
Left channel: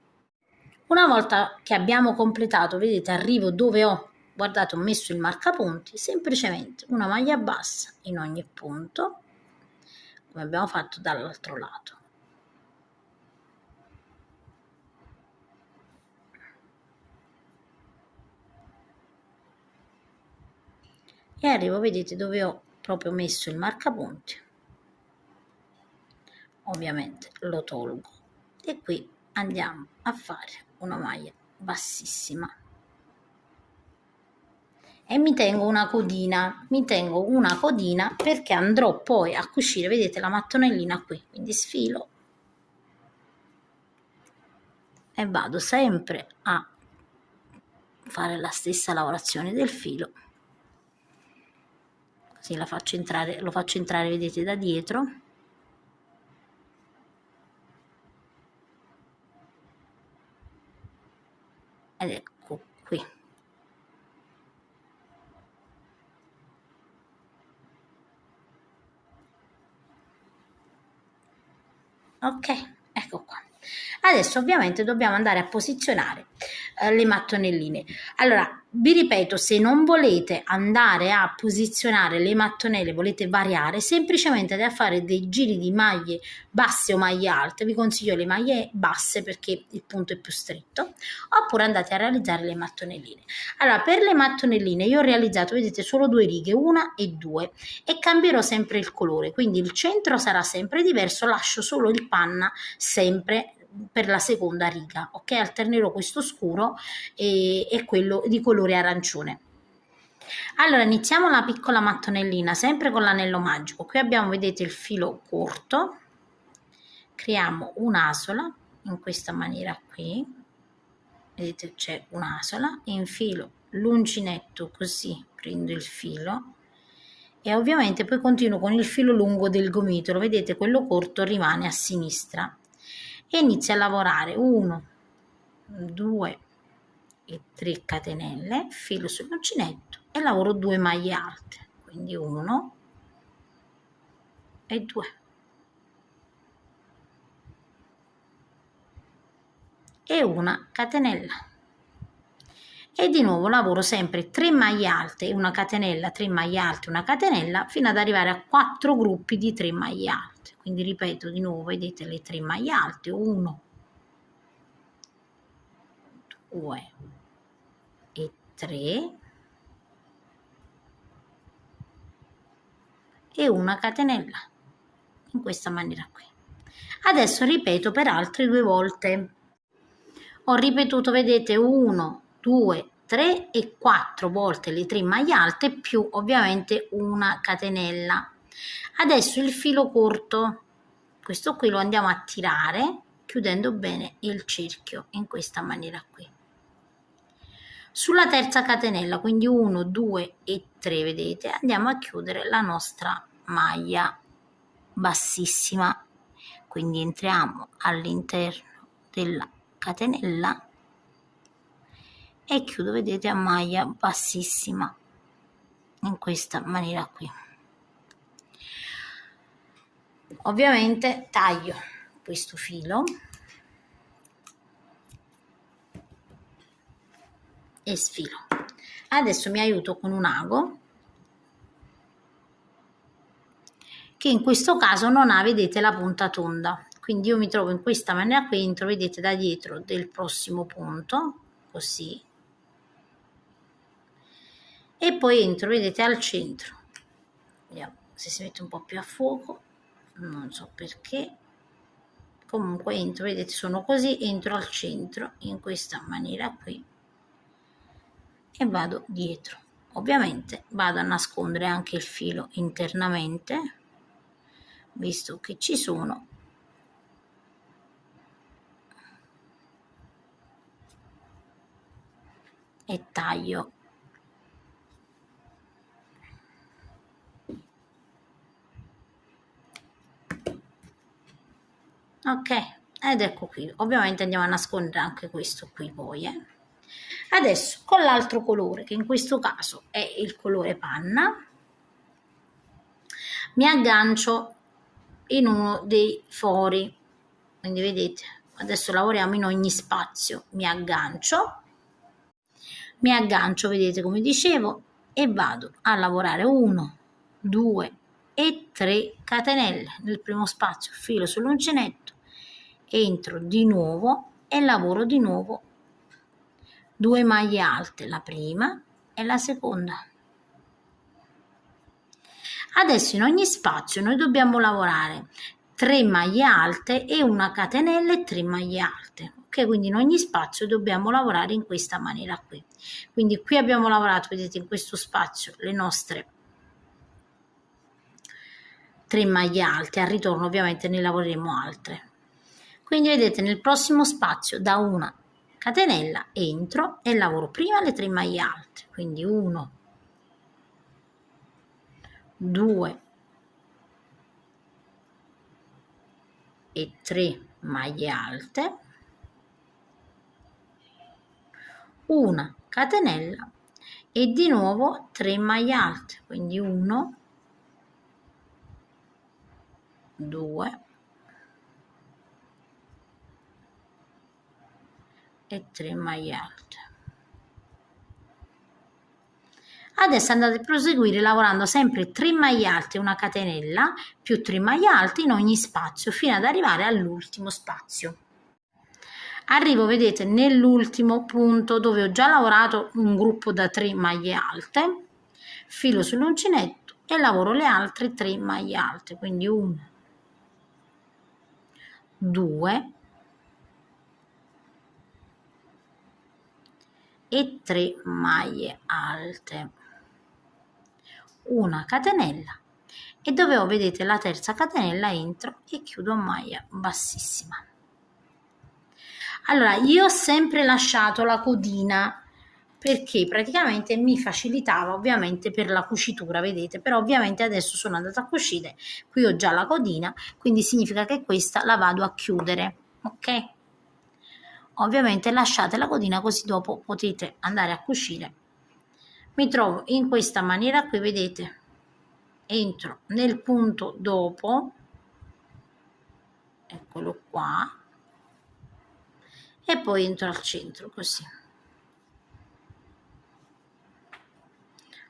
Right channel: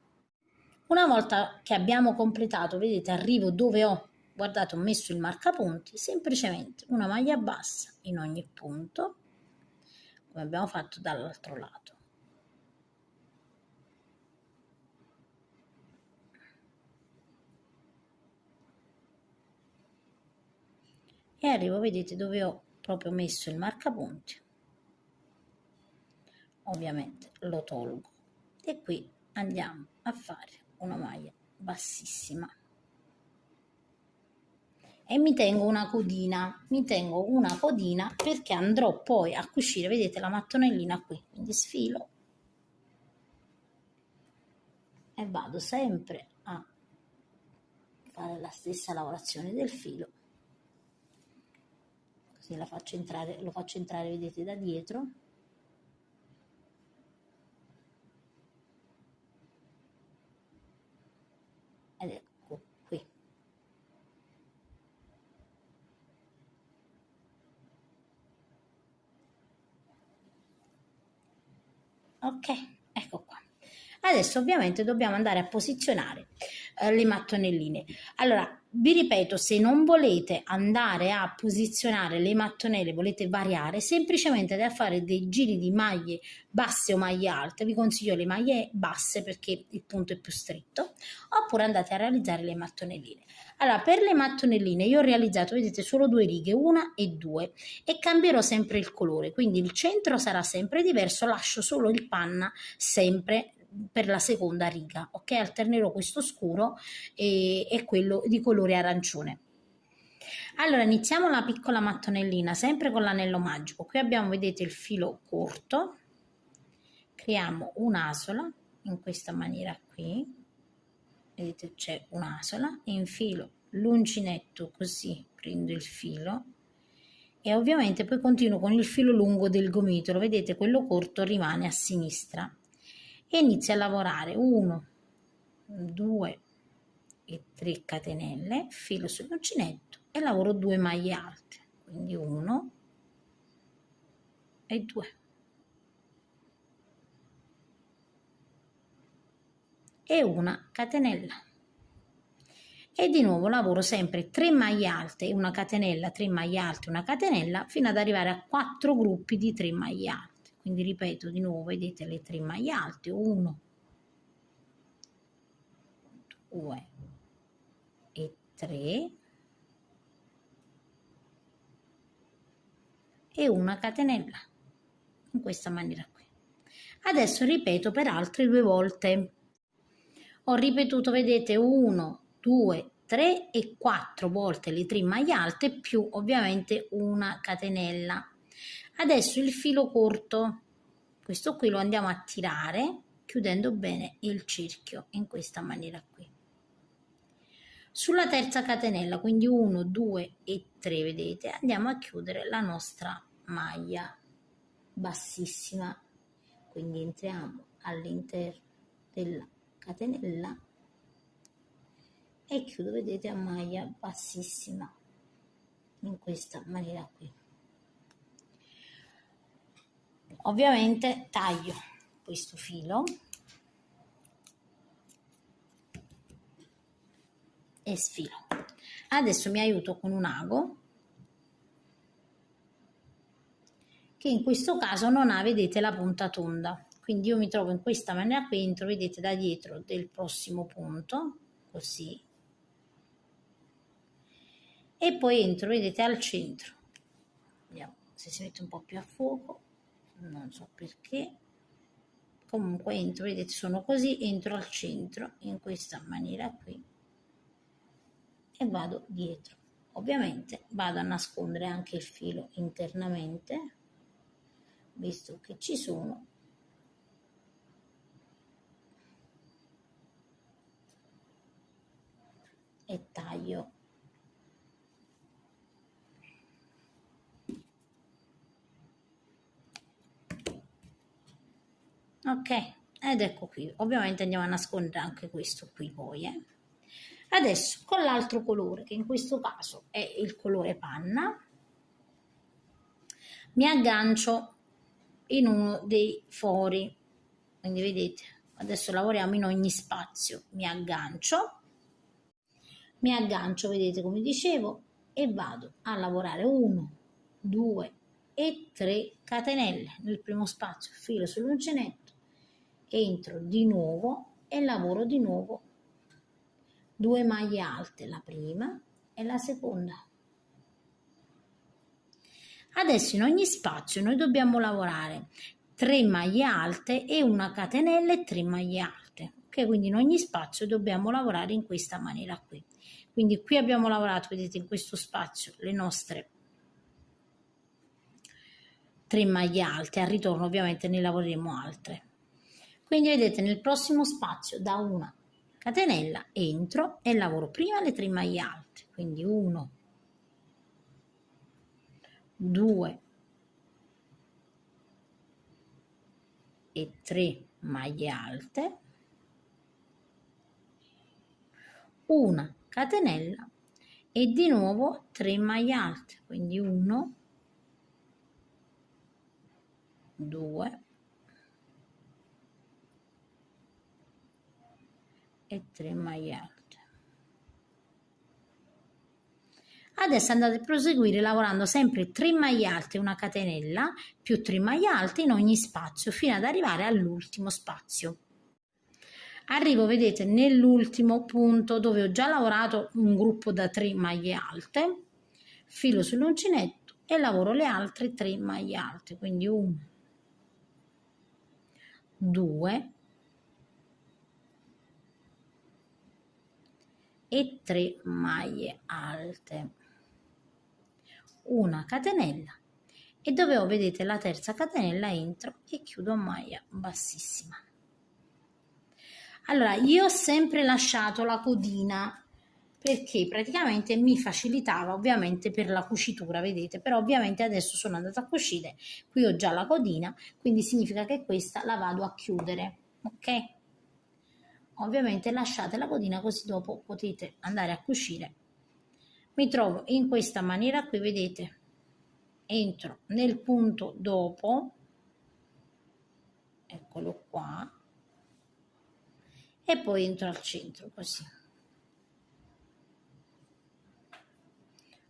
Una volta che abbiamo completato, vedete, arrivo dove ho, guardate, ho messo il marcapunti, semplicemente una maglia bassa in ogni punto, come abbiamo fatto dall'altro lato. E arrivo, vedete, dove ho proprio messo il marcapunti. Ovviamente lo tolgo e qui andiamo a fare una maglia bassissima e mi tengo una codina, perché andrò poi a cucire, vedete, la mattonellina qui, quindi sfilo e vado sempre a fare la stessa lavorazione del filo, così la faccio entrare, lo faccio entrare, vedete, da dietro ed ecco qui. Ok, ecco qua. Adesso ovviamente dobbiamo andare a posizionare le mattonelline. Allora, vi ripeto, se non volete andare a posizionare le mattonelle, volete variare, semplicemente da fare dei giri di maglie basse o maglie alte. Vi consiglio le maglie basse perché il punto è più stretto, oppure andate a realizzare le mattonelline. Allora, per le mattonelline io ho realizzato, vedete, solo due righe, una e due, e cambierò sempre il colore, quindi il centro sarà sempre diverso, lascio solo il panna sempre per la seconda riga, ok? Alternerò questo scuro e quello di colore arancione. Allora iniziamo la piccola mattonellina sempre con l'anello magico. Qui abbiamo, vedete, il filo corto, creiamo un'asola in questa maniera qui, vedete c'è un'asola, infilo l'uncinetto così, prendo il filo e ovviamente poi continuo con il filo lungo del gomitolo, vedete quello corto rimane a sinistra e inizio a lavorare 1, 2 e 3 catenelle, filo sull'uncinetto e lavoro 2 maglie alte, quindi 1 e 2 e una catenella. E di nuovo lavoro sempre 3 maglie alte e una catenella, 3 maglie alte, una catenella, fino ad arrivare a 4 gruppi di 3 maglie alte. Quindi ripeto di nuovo, vedete le 3 maglie alte, 1, 2 e 3 e una catenella, in questa maniera qui. Adesso ripeto per altre 2 volte. Ho ripetuto, vedete, 1, 2, 3 e 4 volte le 3 maglie alte più ovviamente una catenella. Adesso il filo corto, questo qui lo andiamo a tirare chiudendo bene il cerchio in questa maniera qui. Sulla terza catenella, quindi 1, 2 e 3, vedete, andiamo a chiudere la nostra maglia bassissima. Quindi entriamo all'interno della catenella e chiudo, vedete, a maglia bassissima in questa maniera qui. Ovviamente taglio questo filo e sfilo. Adesso mi aiuto con un ago che in questo caso non ha, vedete, la punta tonda, quindi io mi trovo in questa maniera qui, entro, vedete, da dietro del prossimo punto, così, e poi entro, vedete, al centro. Vediamo se si mette un po' più a fuoco, non so perché, comunque entro, vedete, sono così, entro al centro in questa maniera qui e vado dietro. Ovviamente vado a nascondere anche il filo internamente, visto che ci sono, e taglio. Ok, ed ecco qui, ovviamente andiamo a nascondere anche questo qui poi. Adesso con l'altro colore, che in questo caso è il colore panna, mi aggancio in uno dei fori, quindi vedete, adesso lavoriamo in ogni spazio, mi aggancio, vedete come dicevo, e vado a lavorare 1, 2 e 3 catenelle nel primo spazio, filo sull'uncinetto, entro di nuovo e lavoro di nuovo 2 maglie alte, la prima e la seconda. Adesso in ogni spazio noi dobbiamo lavorare 3 maglie alte e una catenella e 3 maglie alte, ok? Quindi in ogni spazio dobbiamo lavorare in questa maniera qui. Quindi qui abbiamo lavorato, vedete, in questo spazio le nostre 3 maglie alte, al ritorno ovviamente ne lavoreremo altre. Quindi vedete, nel prossimo spazio da una catenella entro e lavoro prima le 3 maglie alte, quindi 1, 2 e 3 maglie alte, una catenella e di nuovo 3 maglie alte, quindi 1, 2 e 3 maglie alte. Adesso andate a proseguire lavorando sempre 3 maglie alte, una catenella più 3 maglie alte in ogni spazio fino ad arrivare all'ultimo spazio. Arrivo, vedete, nell'ultimo punto dove ho già lavorato un gruppo da 3 maglie alte, filo sull'uncinetto e lavoro le altre 3 maglie alte, quindi 1, 2 e 3 maglie alte, una catenella e dove ho, vedete, la terza catenella entro e chiudo a maglia bassissima. Allora, io ho sempre lasciato la codina perché praticamente mi facilitava ovviamente per la cucitura, vedete, però ovviamente adesso sono andata a cucire, qui ho già la codina, quindi significa che questa la vado a chiudere, ok? Ovviamente lasciate la codina così dopo potete andare a cucire. Mi trovo in questa maniera qui, vedete, entro nel punto dopo, eccolo qua, e poi entro al centro così.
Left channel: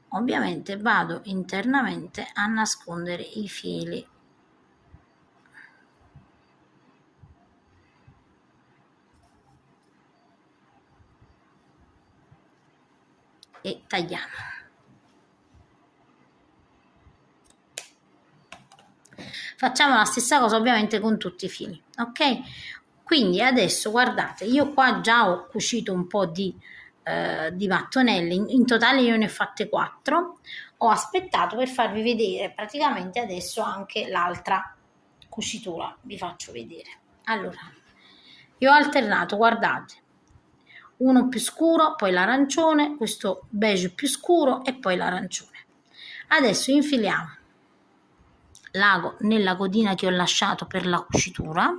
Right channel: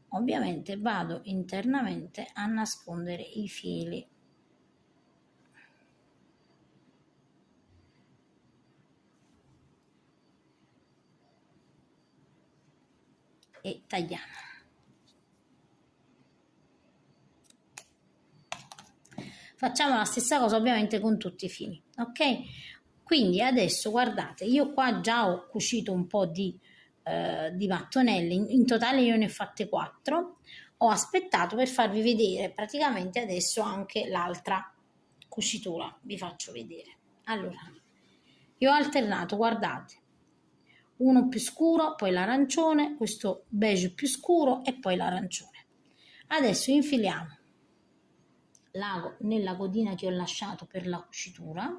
Ovviamente vado internamente a nascondere i fili. E tagliamo. Facciamo la stessa cosa ovviamente con tutti i fili, ok? Quindi adesso guardate, io qua già ho cucito un po' di mattonelle, in totale io ne ho fatte 4, ho aspettato per farvi vedere praticamente adesso anche l'altra cucitura, vi faccio vedere. Allora, io ho alternato, guardate, uno più scuro, poi l'arancione, questo beige più scuro e poi l'arancione. Adesso infiliamo l'ago nella codina che ho lasciato per la cucitura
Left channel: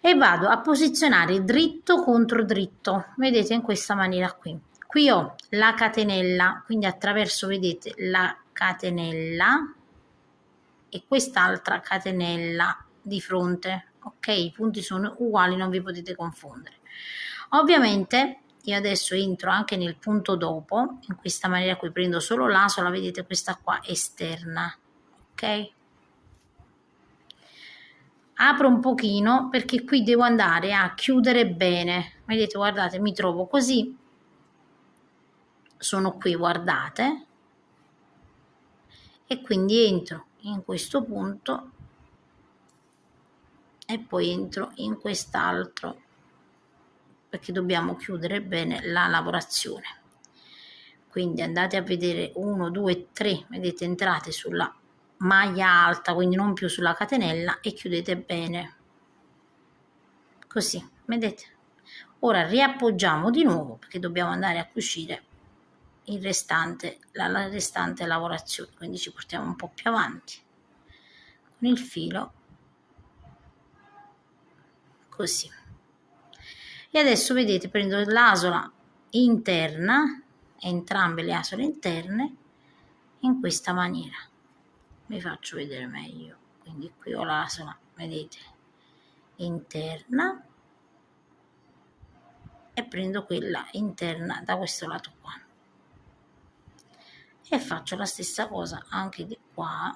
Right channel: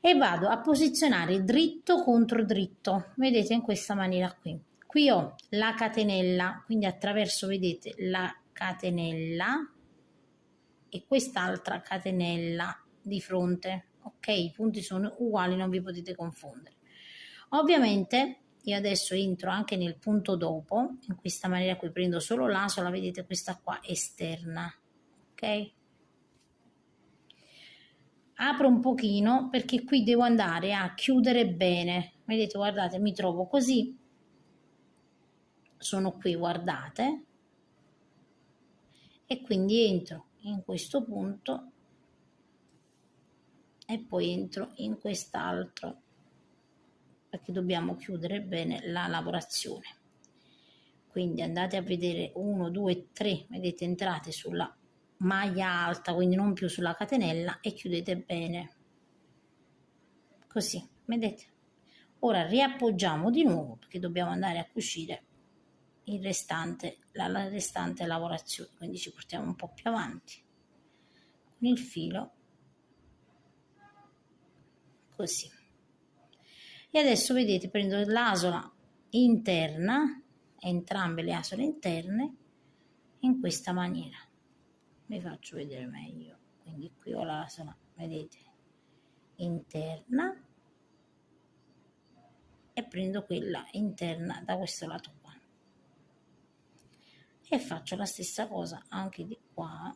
e vado a posizionare dritto contro dritto, vedete, in questa maniera qui. Qui ho la catenella, quindi attraverso, vedete, la catenella e quest'altra catenella di fronte, ok? I punti sono uguali, non vi potete confondere. Ovviamente io adesso entro anche nel punto dopo, in questa maniera qui prendo solo l'asola, vedete, questa qua esterna, ok? Apro un pochino perché qui devo andare a chiudere bene, vedete, guardate, mi trovo così, sono qui, guardate, e quindi entro in questo punto e poi entro in quest'altro perché dobbiamo chiudere bene la lavorazione. Quindi andate a vedere 1, 2, 3, vedete, entrate sulla maglia alta, quindi non più sulla catenella, e chiudete bene così, vedete. Ora riappoggiamo di nuovo perché dobbiamo andare a cucire il restante, la restante lavorazione, quindi ci portiamo un po' più avanti con il filo così. E adesso vedete, prendo l'asola interna, entrambe le asole interne, in questa maniera. Vi faccio vedere meglio. Quindi qui ho l'asola, vedete, interna e prendo quella interna da questo lato qua. E faccio la stessa cosa anche di qua.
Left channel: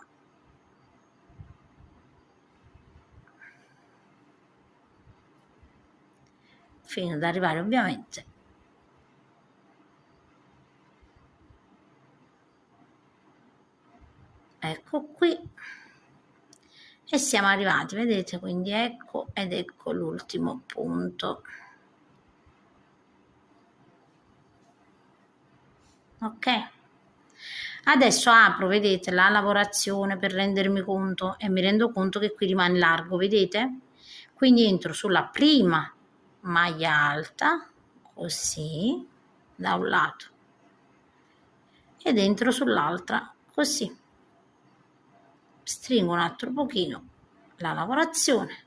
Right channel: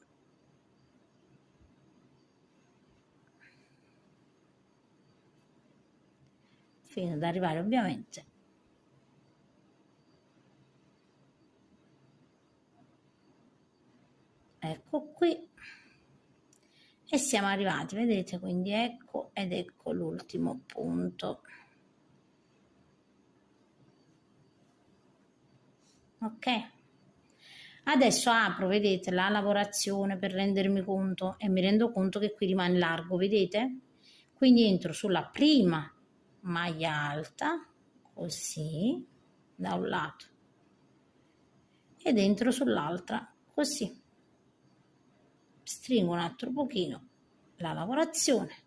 Fino ad arrivare ovviamente ecco qui, e siamo arrivati, vedete, quindi ecco, ed ecco l'ultimo punto, ok? Adesso apro, vedete, la lavorazione per rendermi conto, e mi rendo conto che qui rimane largo, vedete? Quindi entro sulla prima maglia alta così da un lato ed entro sull'altra così, stringo un altro pochino la lavorazione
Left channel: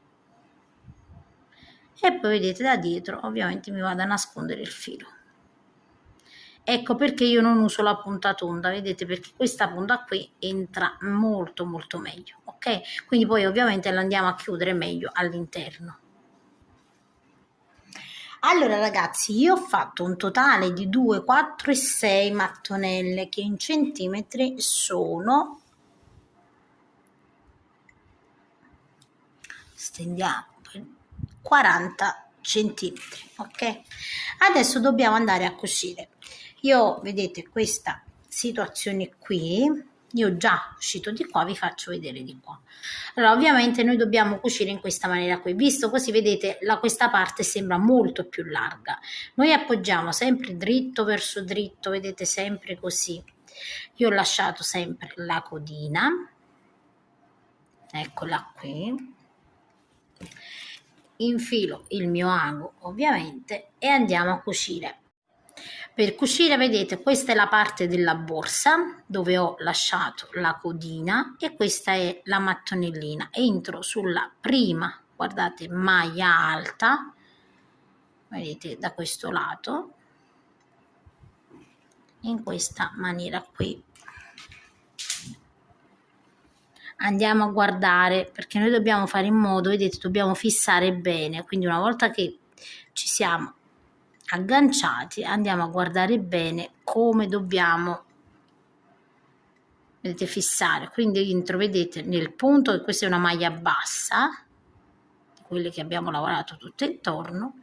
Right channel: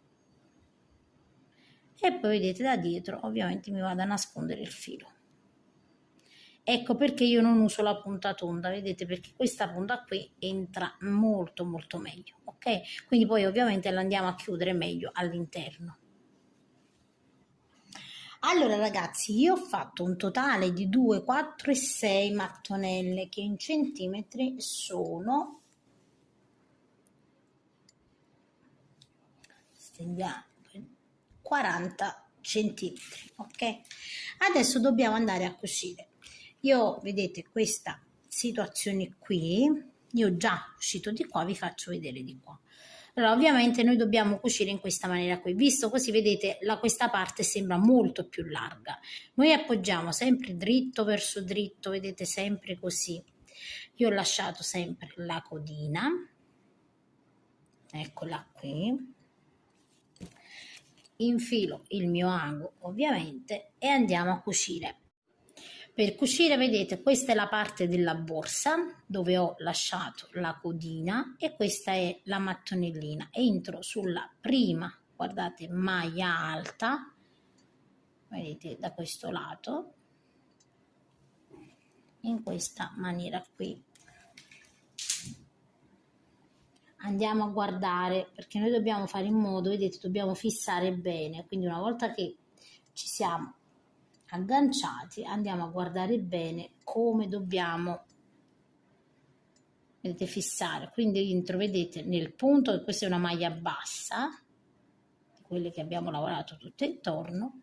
e poi vedete da dietro ovviamente mi vado a nascondere il filo. Ecco perché io non uso la punta tonda, vedete, perché questa punta qui entra molto molto meglio, ok? Quindi poi ovviamente la andiamo a chiudere meglio all'interno. Allora ragazzi, io ho fatto un totale di 2, 4 e 6 mattonelle che in centimetri sono, stendiamo, 40 centimetri, ok? Adesso dobbiamo andare a cucire. Io vedete questa situazione qui, io già uscito di qua, vi faccio vedere di qua. Allora ovviamente noi dobbiamo cucire in questa maniera qui, visto così vedete questa parte sembra molto più larga. Noi appoggiamo sempre dritto verso dritto, vedete, sempre così. Io ho lasciato sempre la codina, eccola qui, infilo il mio ago ovviamente e andiamo a cucire. Per cucire vedete questa è la parte della borsa dove ho lasciato la codina e questa è la mattonellina. Entro sulla prima, guardate, maglia alta, vedete da questo lato, in questa maniera qui. Andiamo a guardare perché noi dobbiamo fare in modo, vedete, dobbiamo fissare bene, quindi una volta che ci siamo agganciati andiamo a guardare bene come dobbiamo, vedete, fissare. Quindi entro, vedete, nel punto, che questa è una maglia bassa, quelle che abbiamo lavorato tutto intorno,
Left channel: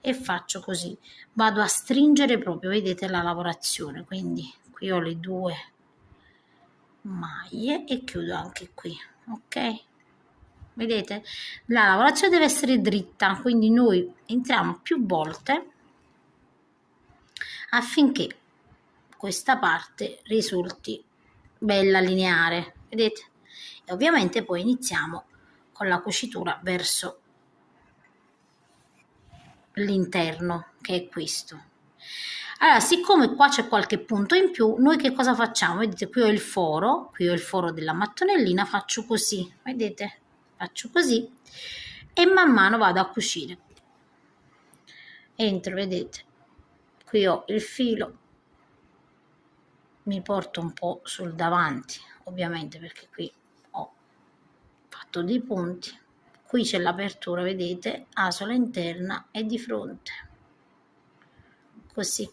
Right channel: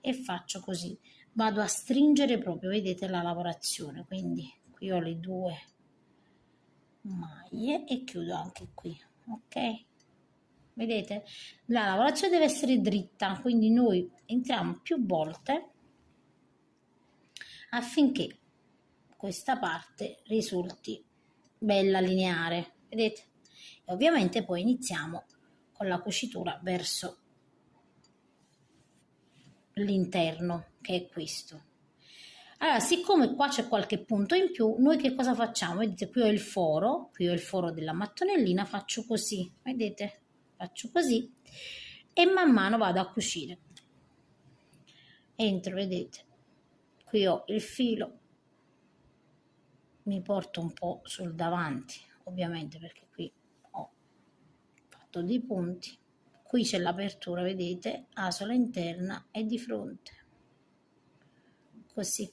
e faccio così, vado a stringere proprio, vedete, la lavorazione. Quindi qui ho le due maglie e chiudo anche qui, ok? Vedete, la lavorazione deve essere dritta, quindi noi entriamo più volte affinché questa parte risulti bella lineare, vedete? E ovviamente poi iniziamo con la cucitura verso l'interno, che è questo. Allora, siccome qua c'è qualche punto in più, noi che cosa facciamo? Vedete, qui ho il foro della mattonellina, faccio così, vedete? Faccio così e man mano vado a cucire. Entro, vedete, qui ho il filo, mi porto un po' sul davanti, ovviamente perché qui ho fatto dei punti. Qui c'è l'apertura, vedete, asola interna e di fronte, così.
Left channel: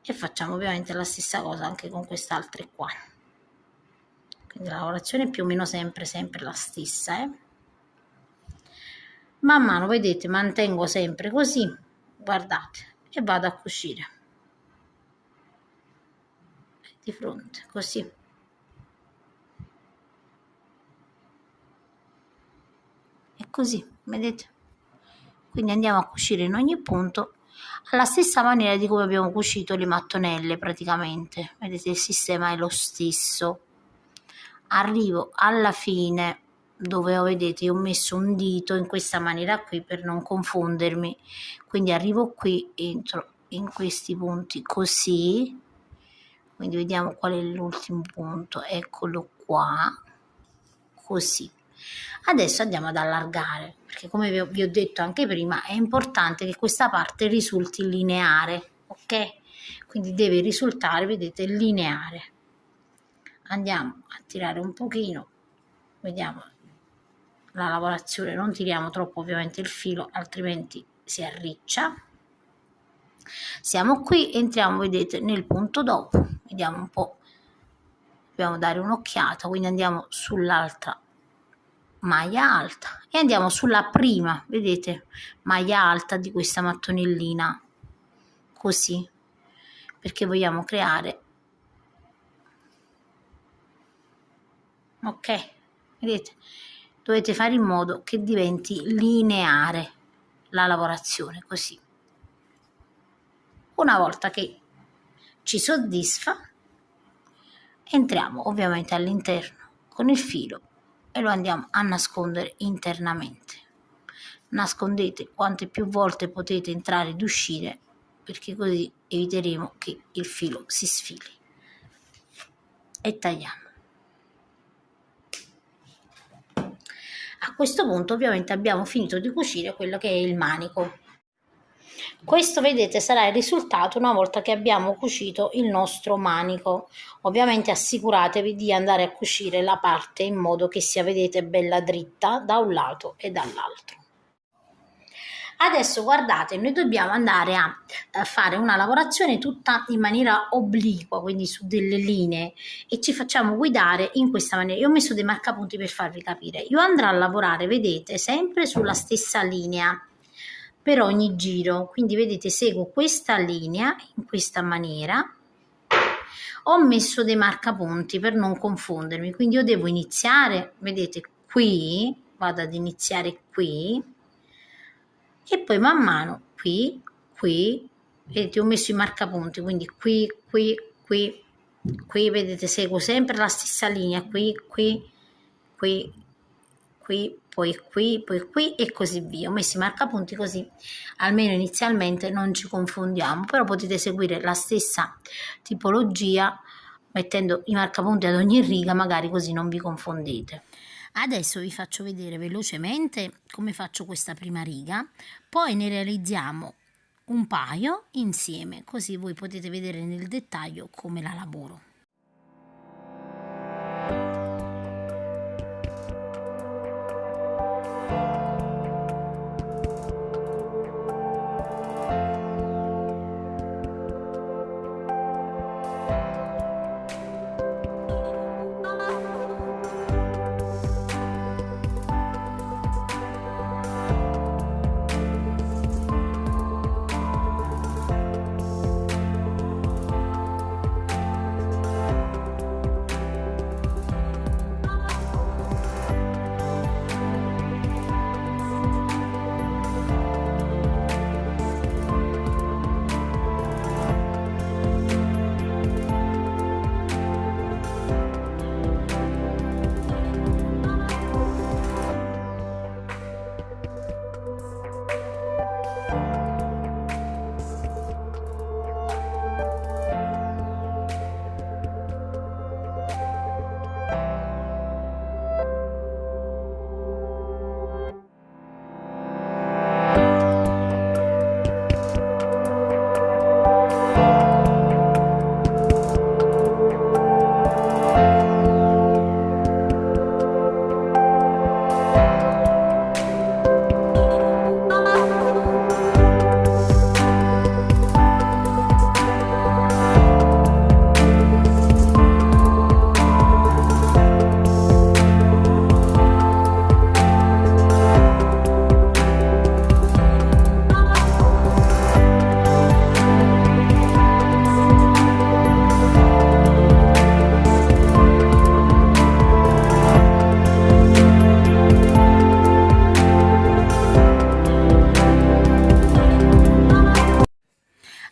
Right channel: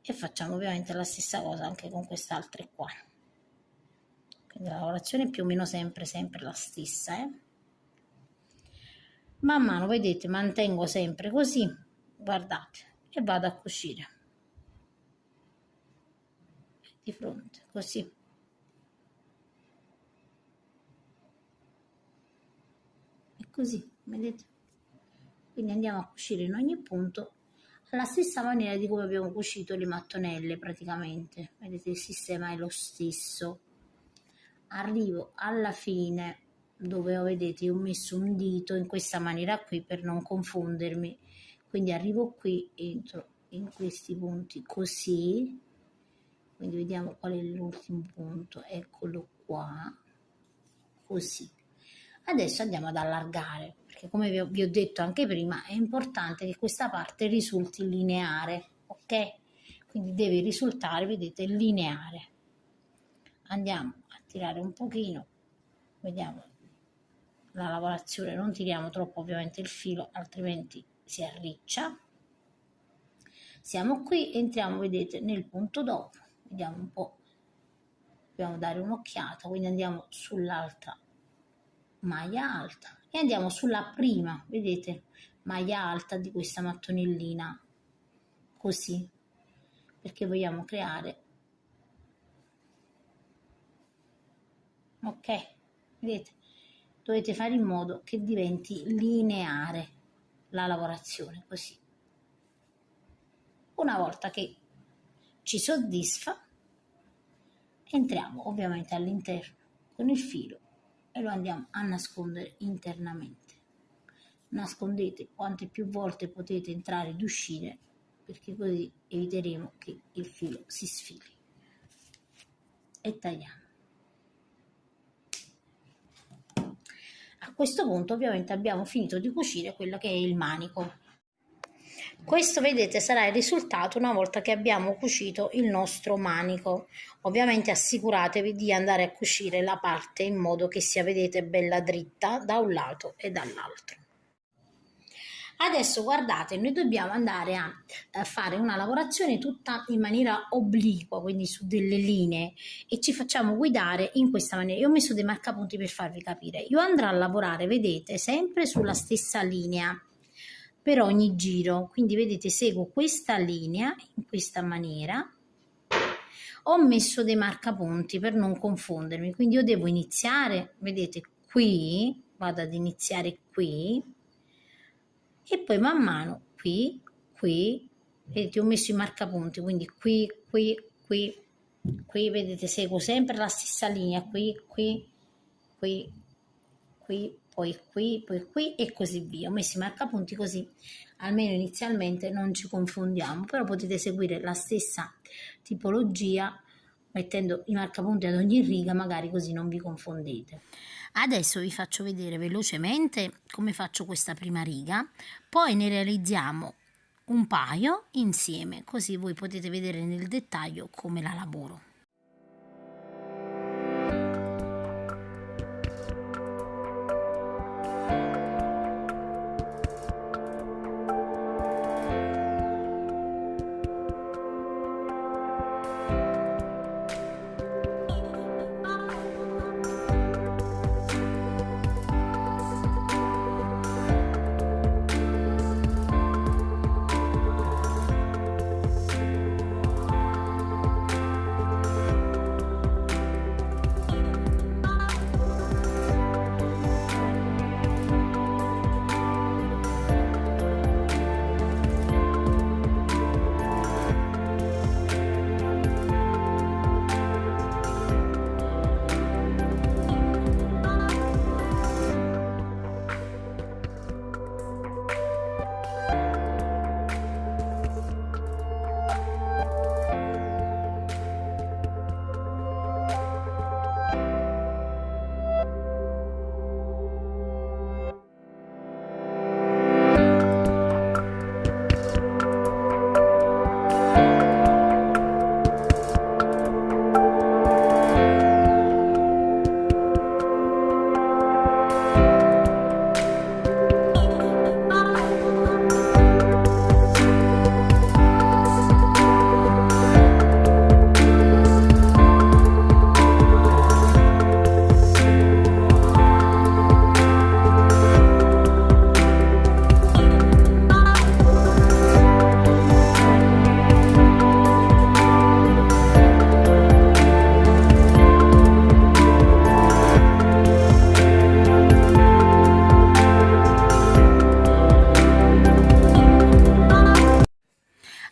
E facciamo ovviamente la stessa cosa anche con quest'altra qua. Quindi la lavorazione è più o meno sempre la stessa, Man mano, vedete, mantengo sempre così, guardate, e vado a cucire. Di fronte, così. E così, vedete? Quindi andiamo a cucire in ogni punto alla stessa maniera di come abbiamo cucito le mattonelle praticamente. Vedete, il sistema è lo stesso. Arrivo alla fine dove vedete io ho messo un dito in questa maniera qui per non confondermi, quindi arrivo qui, entro in questi punti così, quindi vediamo qual è l'ultimo punto, eccolo qua, così. Adesso andiamo ad allargare, perché come vi ho detto anche prima è importante che questa parte risulti lineare, ok? Quindi deve risultare, vedete, lineare. Andiamo a tirare un pochino, vediamo la lavorazione, non tiriamo troppo ovviamente il filo altrimenti si arriccia. Siamo qui, entriamo, vedete, nel punto dopo, vediamo un po', dobbiamo dare un'occhiata, quindi andiamo sull'altra maglia alta e andiamo sulla prima, vedete, maglia alta di questa mattonellina, così, perché vogliamo creare, ok, vedete, dovete fare in modo che diventi lineare la lavorazione, così. Una volta che ci soddisfa, entriamo ovviamente all'interno con il filo e lo andiamo a nascondere internamente. Nascondete quante più volte potete entrare ed uscire, perché così eviteremo che il filo si sfili. E tagliamo. A questo punto ovviamente abbiamo finito di cucire quello che è il manico. Questo, vedete, sarà il risultato una volta che abbiamo cucito il nostro manico. Ovviamente assicuratevi di andare a cucire la parte in modo che sia, vedete, bella dritta da un lato e dall'altro. Adesso guardate, noi dobbiamo andare a fare una lavorazione tutta in maniera obliqua, quindi su delle linee, e ci facciamo guidare in questa maniera. Io ho messo dei marcapunti per farvi capire. Io andrò a lavorare, vedete, sempre sulla stessa linea per ogni giro, quindi vedete, seguo questa linea in questa maniera. Ho messo dei marcapunti per non confondermi, quindi io devo iniziare, vedete, qui, vado ad iniziare qui, e poi man mano qui, vedete, ho messo i marcapunti, quindi qui, vedete, seguo sempre la stessa linea, qui, poi qui e così via. Ho messo i marcapunti così, almeno inizialmente non ci confondiamo, però potete seguire la stessa tipologia mettendo i marcapunti ad ogni riga, magari così non vi confondete. Adesso vi faccio vedere velocemente come faccio questa prima riga, poi ne realizziamo un paio insieme, così voi potete vedere nel dettaglio come la lavoro.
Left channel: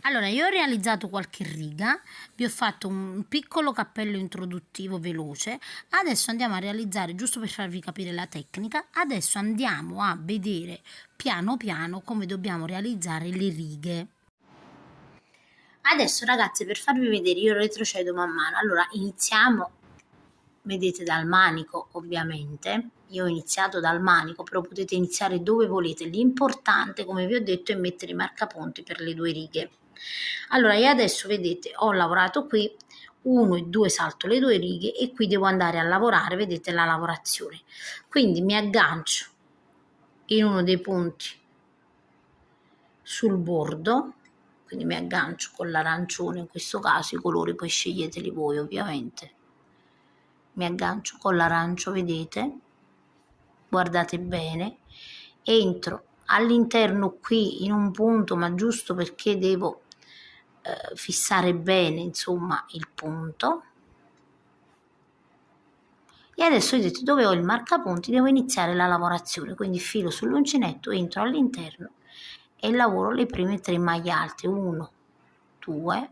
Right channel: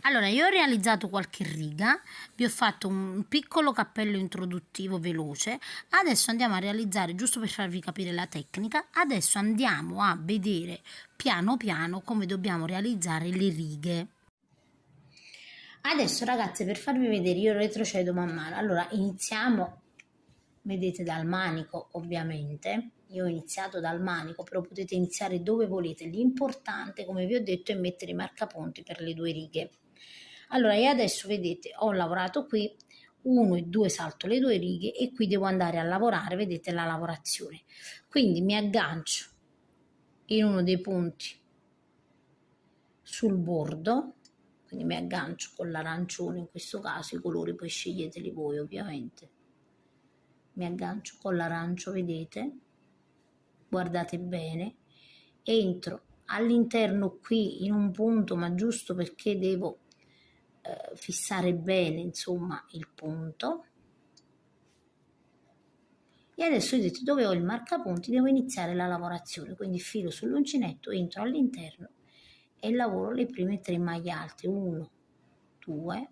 Allora, io ho realizzato qualche riga, vi ho fatto un piccolo cappello introduttivo veloce, adesso andiamo a realizzare, giusto per farvi capire la tecnica, adesso andiamo a vedere piano piano come dobbiamo realizzare le righe. Adesso ragazze, per farvi vedere, io retrocedo man mano. Allora, iniziamo, vedete, dal manico ovviamente. Io ho iniziato dal manico, però potete iniziare dove volete. L'importante, come vi ho detto, è mettere i marcapunti per le due righe. Allora, io adesso, vedete, ho lavorato qui, 1 e 2 salto le due righe e qui devo andare a lavorare, vedete, la lavorazione. Quindi mi aggancio in uno dei punti sul bordo, quindi mi aggancio con l'arancione, in questo caso i colori poi sceglieteli voi ovviamente. Mi aggancio con l'arancio, vedete, guardate bene, entro all'interno qui in un punto, ma giusto perché devo fissare bene, insomma, il punto. E adesso vedete dove ho il marcapunti, devo iniziare la lavorazione, quindi filo sull'uncinetto, entro all'interno e lavoro le prime 3 maglie alte, 1, 2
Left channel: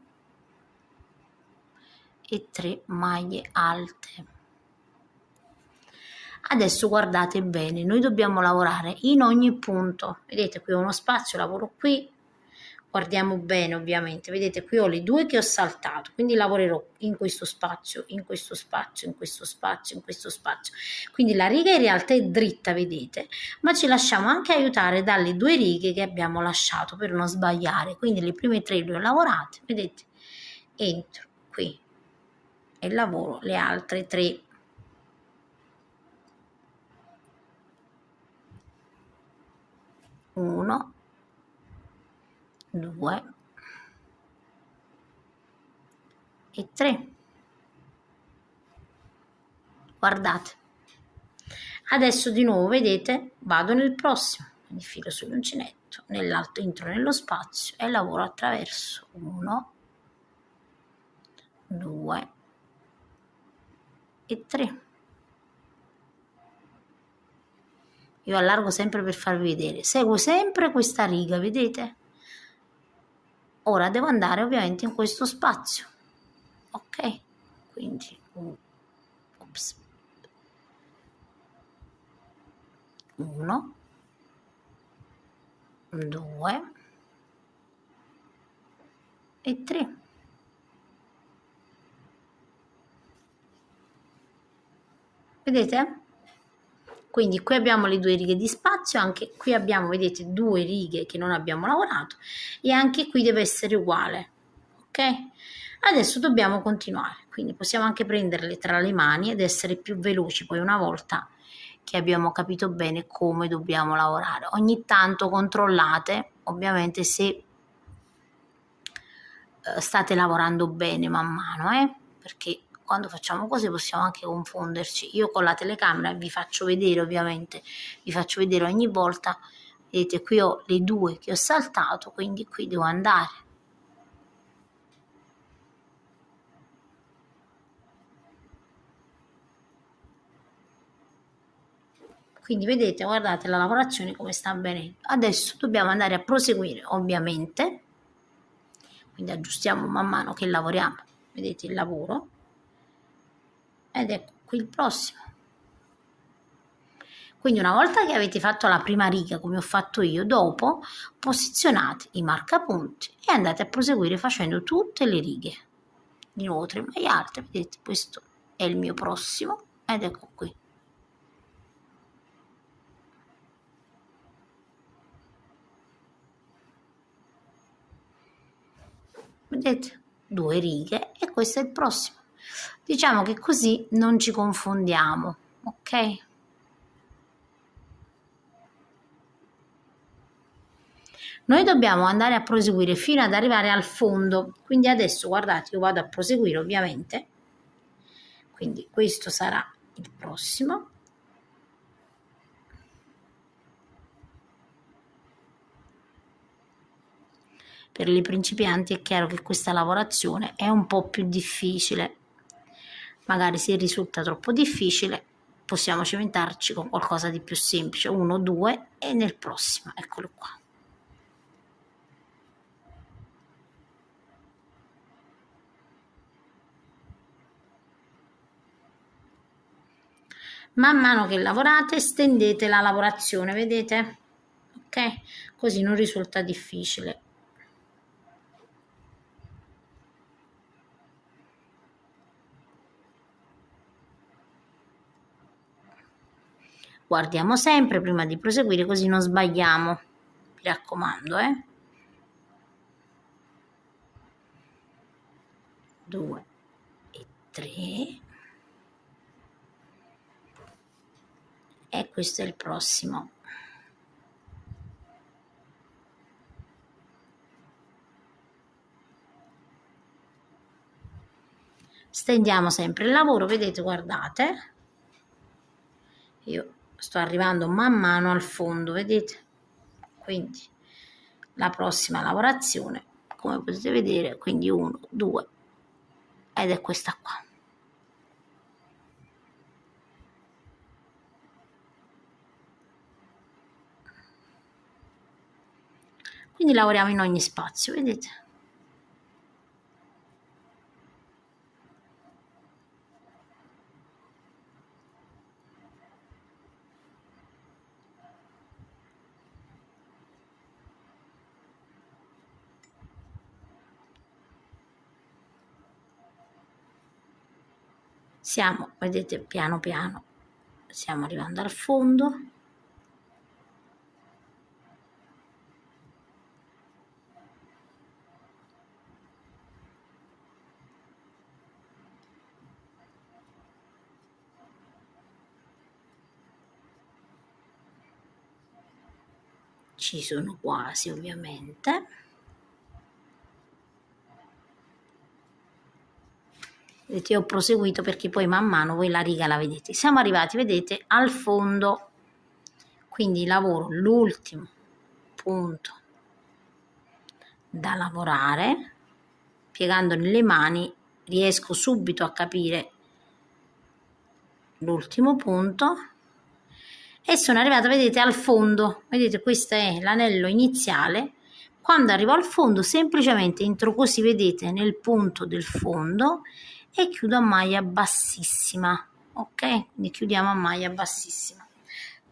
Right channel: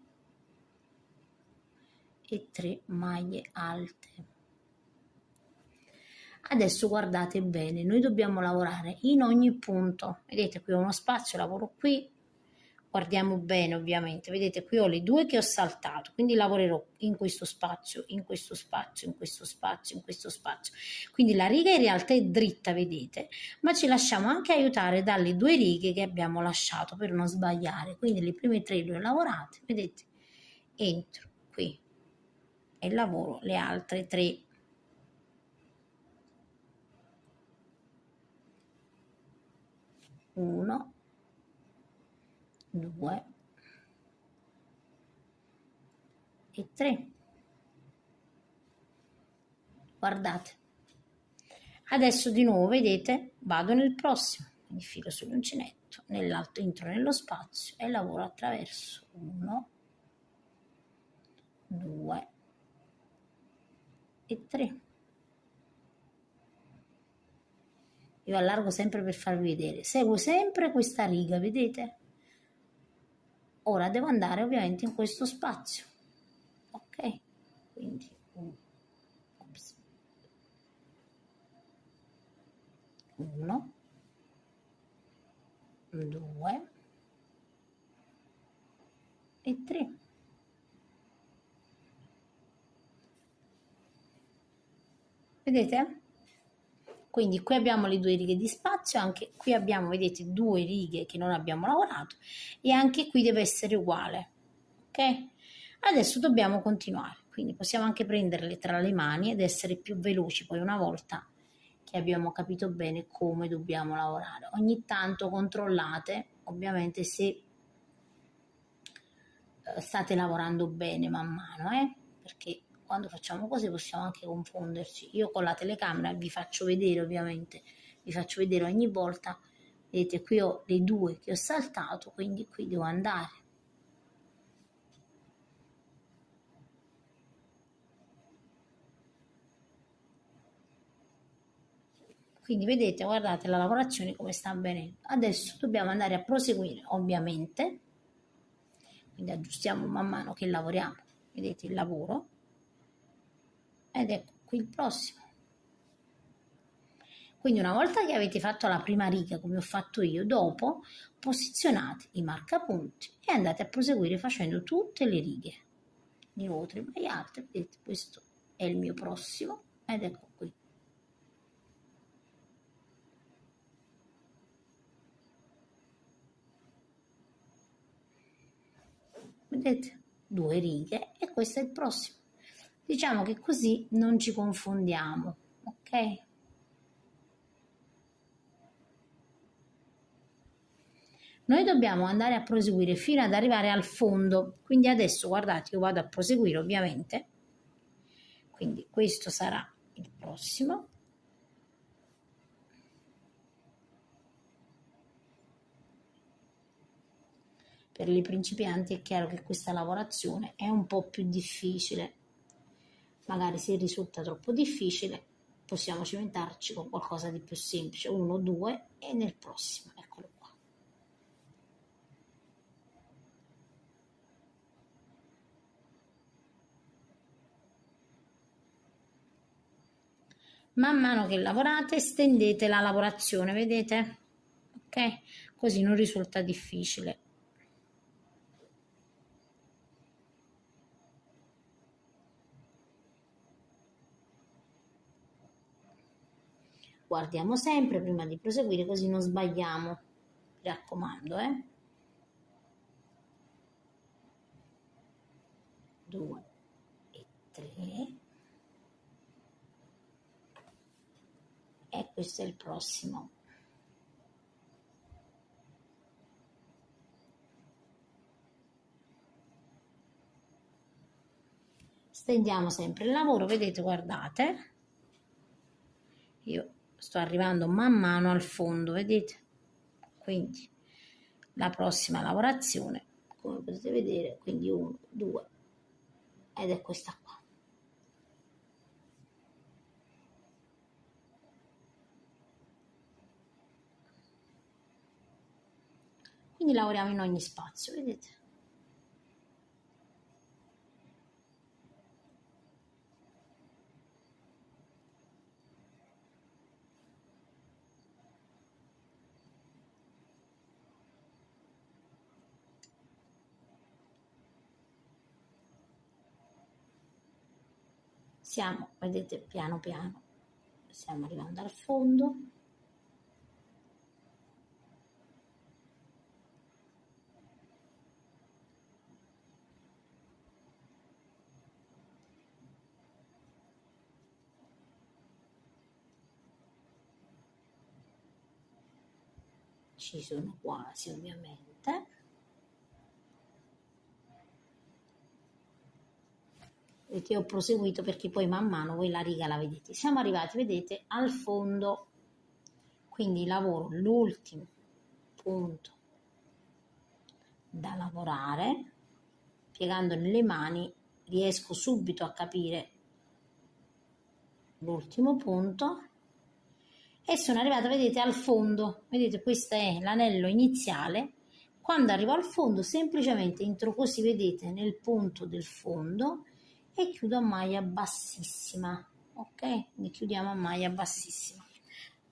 e 3 maglie alte. Adesso guardate bene, noi dobbiamo lavorare in ogni punto, vedete qui ho uno spazio, lavoro qui, Guardiamo bene ovviamente, vedete qui ho le due che ho saltato, quindi lavorerò in questo spazio, in questo spazio, in questo spazio, in questo spazio. Quindi la riga in realtà è dritta, vedete, ma ci lasciamo anche aiutare dalle due righe che abbiamo lasciato per non sbagliare. Quindi le prime tre le ho lavorate, vedete, entro qui e lavoro le altre tre. Uno, due e tre. Guardate, adesso di nuovo vedete vado nel prossimo, quindi filo sull'uncinetto, nell'altro entro nello spazio e lavoro attraverso 1, 2 e 3. Io allargo sempre per farvi vedere, seguo sempre questa riga, vedete? Ora devo andare ovviamente in questo spazio, ok? Quindi ops, 1, 2 e 3. Vedete? Quindi qui abbiamo le due righe di spazio, anche qui abbiamo, vedete, due righe che non abbiamo lavorato e anche qui deve essere uguale, ok? Adesso dobbiamo continuare, quindi possiamo anche prenderle tra le mani ed essere più veloci poi una volta che abbiamo capito bene come dobbiamo lavorare. Ogni tanto controllate ovviamente se state lavorando bene man mano, perché quando facciamo così possiamo anche confonderci. Io con la telecamera vi faccio vedere, ovviamente, vi faccio vedere ogni volta, vedete qui ho le due che ho saltato, quindi qui devo andare. Quindi vedete, guardate la lavorazione come sta avvenendo. Adesso dobbiamo andare a proseguire, ovviamente, quindi aggiustiamo man mano che lavoriamo, vedete il lavoro, ed ecco qui il prossimo. Quindi una volta che avete fatto la prima riga come ho fatto io, dopo posizionate i marcapunti e andate a proseguire facendo tutte le righe. Di nuovo 3 maglie alte, vedete questo è il mio prossimo ed ecco qui. Vedete? 2 righe e questo è il prossimo. Diciamo che così non ci confondiamo, ok? Noi dobbiamo andare a proseguire fino ad arrivare al fondo, quindi adesso guardate, io vado a proseguire ovviamente, quindi questo sarà il prossimo. Per i principianti è chiaro che questa lavorazione è un po' più difficile, magari se risulta troppo difficile possiamo cimentarci con qualcosa di più semplice, 1, 2 e nel prossimo, eccolo qua. Man mano che lavorate stendete la lavorazione, vedete? Ok? Così non risulta difficile. Guardiamo sempre prima di proseguire così non sbagliamo, mi raccomando, 2 e 3 e questo è il prossimo. Stendiamo sempre il lavoro, vedete, guardate, io sto arrivando man mano al fondo, vedete, quindi la prossima lavorazione come potete vedere, quindi 1, 2 ed è questa qua. Quindi lavoriamo in ogni spazio, vedete? Siamo, vedete, piano piano stiamo arrivando al fondo. Ci sono quasi, ovviamente. Vedete, ho proseguito perché poi man mano voi la riga la vedete. Siamo arrivati, vedete, al fondo, quindi lavoro l'ultimo punto da lavorare, piegando le mani riesco subito a capire l'ultimo punto e sono arrivata, vedete, al fondo. Vedete, questo è l'anello iniziale. Quando arrivo al fondo semplicemente entro così, vedete, nel punto del fondo e chiudo a maglia bassissima, ok? Quindi chiudiamo a maglia bassissima,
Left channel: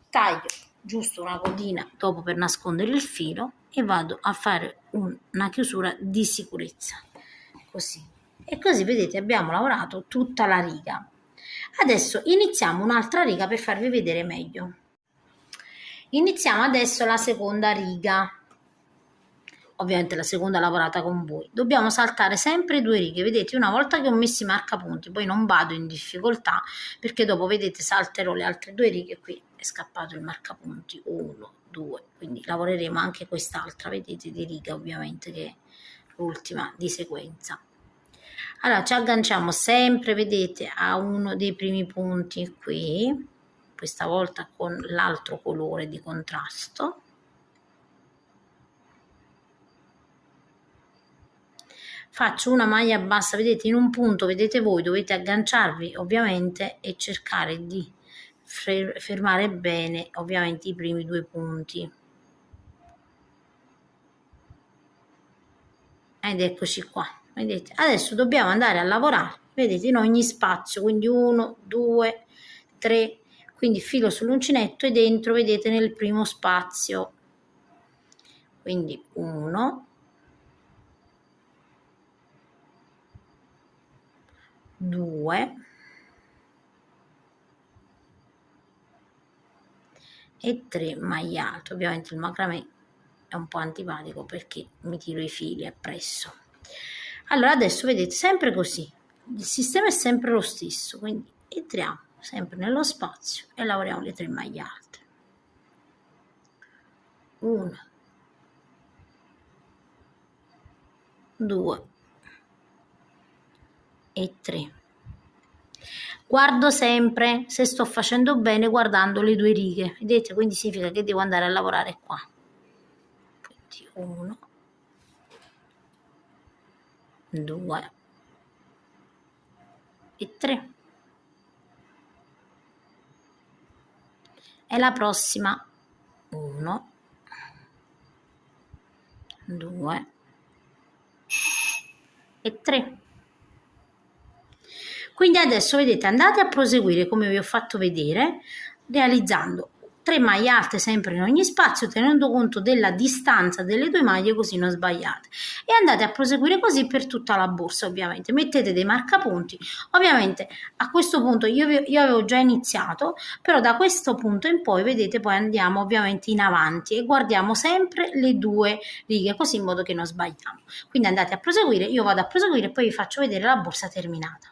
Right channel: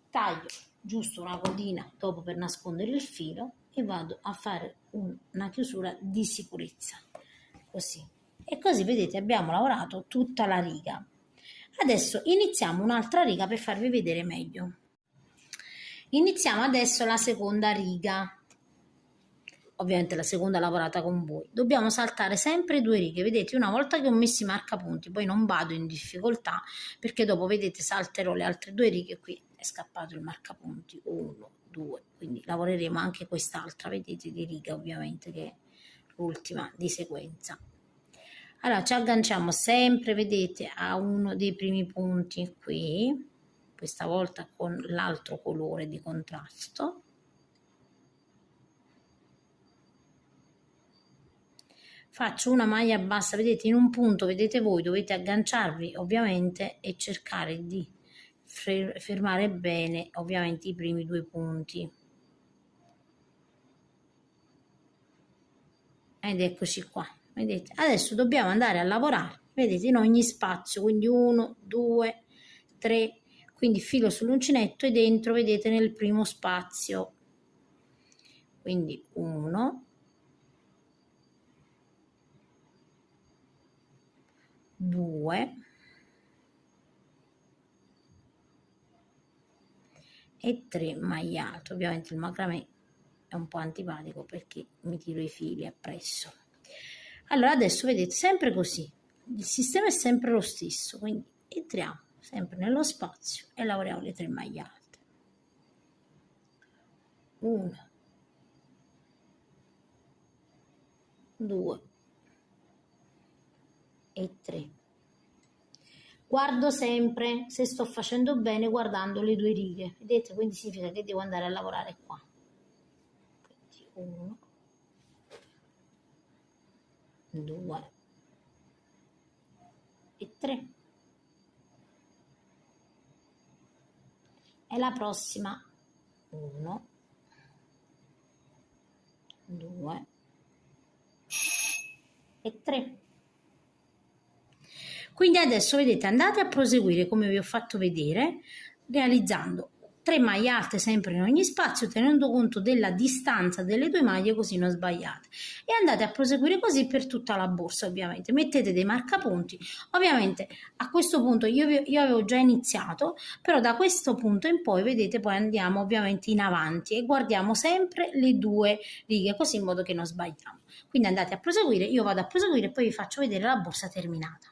taglio giusto una codina dopo per nascondere il filo e vado a fare una chiusura di sicurezza, così. E così, vedete, abbiamo lavorato tutta la riga. Adesso iniziamo un'altra riga per farvi vedere meglio. Iniziamo adesso la seconda riga. Ovviamente la seconda lavorata con voi. Dobbiamo saltare sempre 2 righe, vedete, una volta che ho messo i marcapunti poi non vado in difficoltà perché dopo, vedete, salterò le altre 2 righe. Qui è scappato il marcapunti, 1, 2, quindi lavoreremo anche quest'altra, vedete, di riga, ovviamente, che è l'ultima di sequenza. Allora ci agganciamo sempre, vedete, a uno dei primi punti qui, questa volta con l'altro colore di contrasto. Faccio una maglia bassa, vedete, in un punto, vedete voi, dovete agganciarvi ovviamente e cercare di fermare bene ovviamente i primi 2 punti. Ed eccoci qua, vedete. Adesso dobbiamo andare a lavorare, vedete, in ogni spazio, quindi 1, 2, 3, quindi filo sull'uncinetto e dentro, vedete, nel primo spazio. Quindi 1, 2 e 3 maglie alte. Ovviamente il macramè è un po' antipatico perché mi tiro i fili appresso. Allora adesso vedete, sempre così, il sistema è sempre lo stesso, quindi entriamo sempre nello spazio e lavoriamo le 3 maglie alte. 1, 2 e 3. Guardo sempre se sto facendo bene guardando le 2 righe, vedete, quindi significa che devo andare a lavorare qua. Quindi 1, 2 e 3. E la prossima 1, 2 e 3. Quindi adesso, vedete, andate a proseguire come vi ho fatto vedere, realizzando 3 maglie alte sempre in ogni spazio, tenendo conto della distanza delle 2 maglie, così non sbagliate. E andate a proseguire così per tutta la borsa, ovviamente. Mettete dei marcapunti. Ovviamente a questo punto io avevo già iniziato, però da questo punto in poi, vedete, poi andiamo ovviamente in avanti e guardiamo sempre le 2 righe, così in modo che non sbagliamo. Quindi andate a proseguire, io vado a proseguire e poi vi faccio vedere la borsa terminata.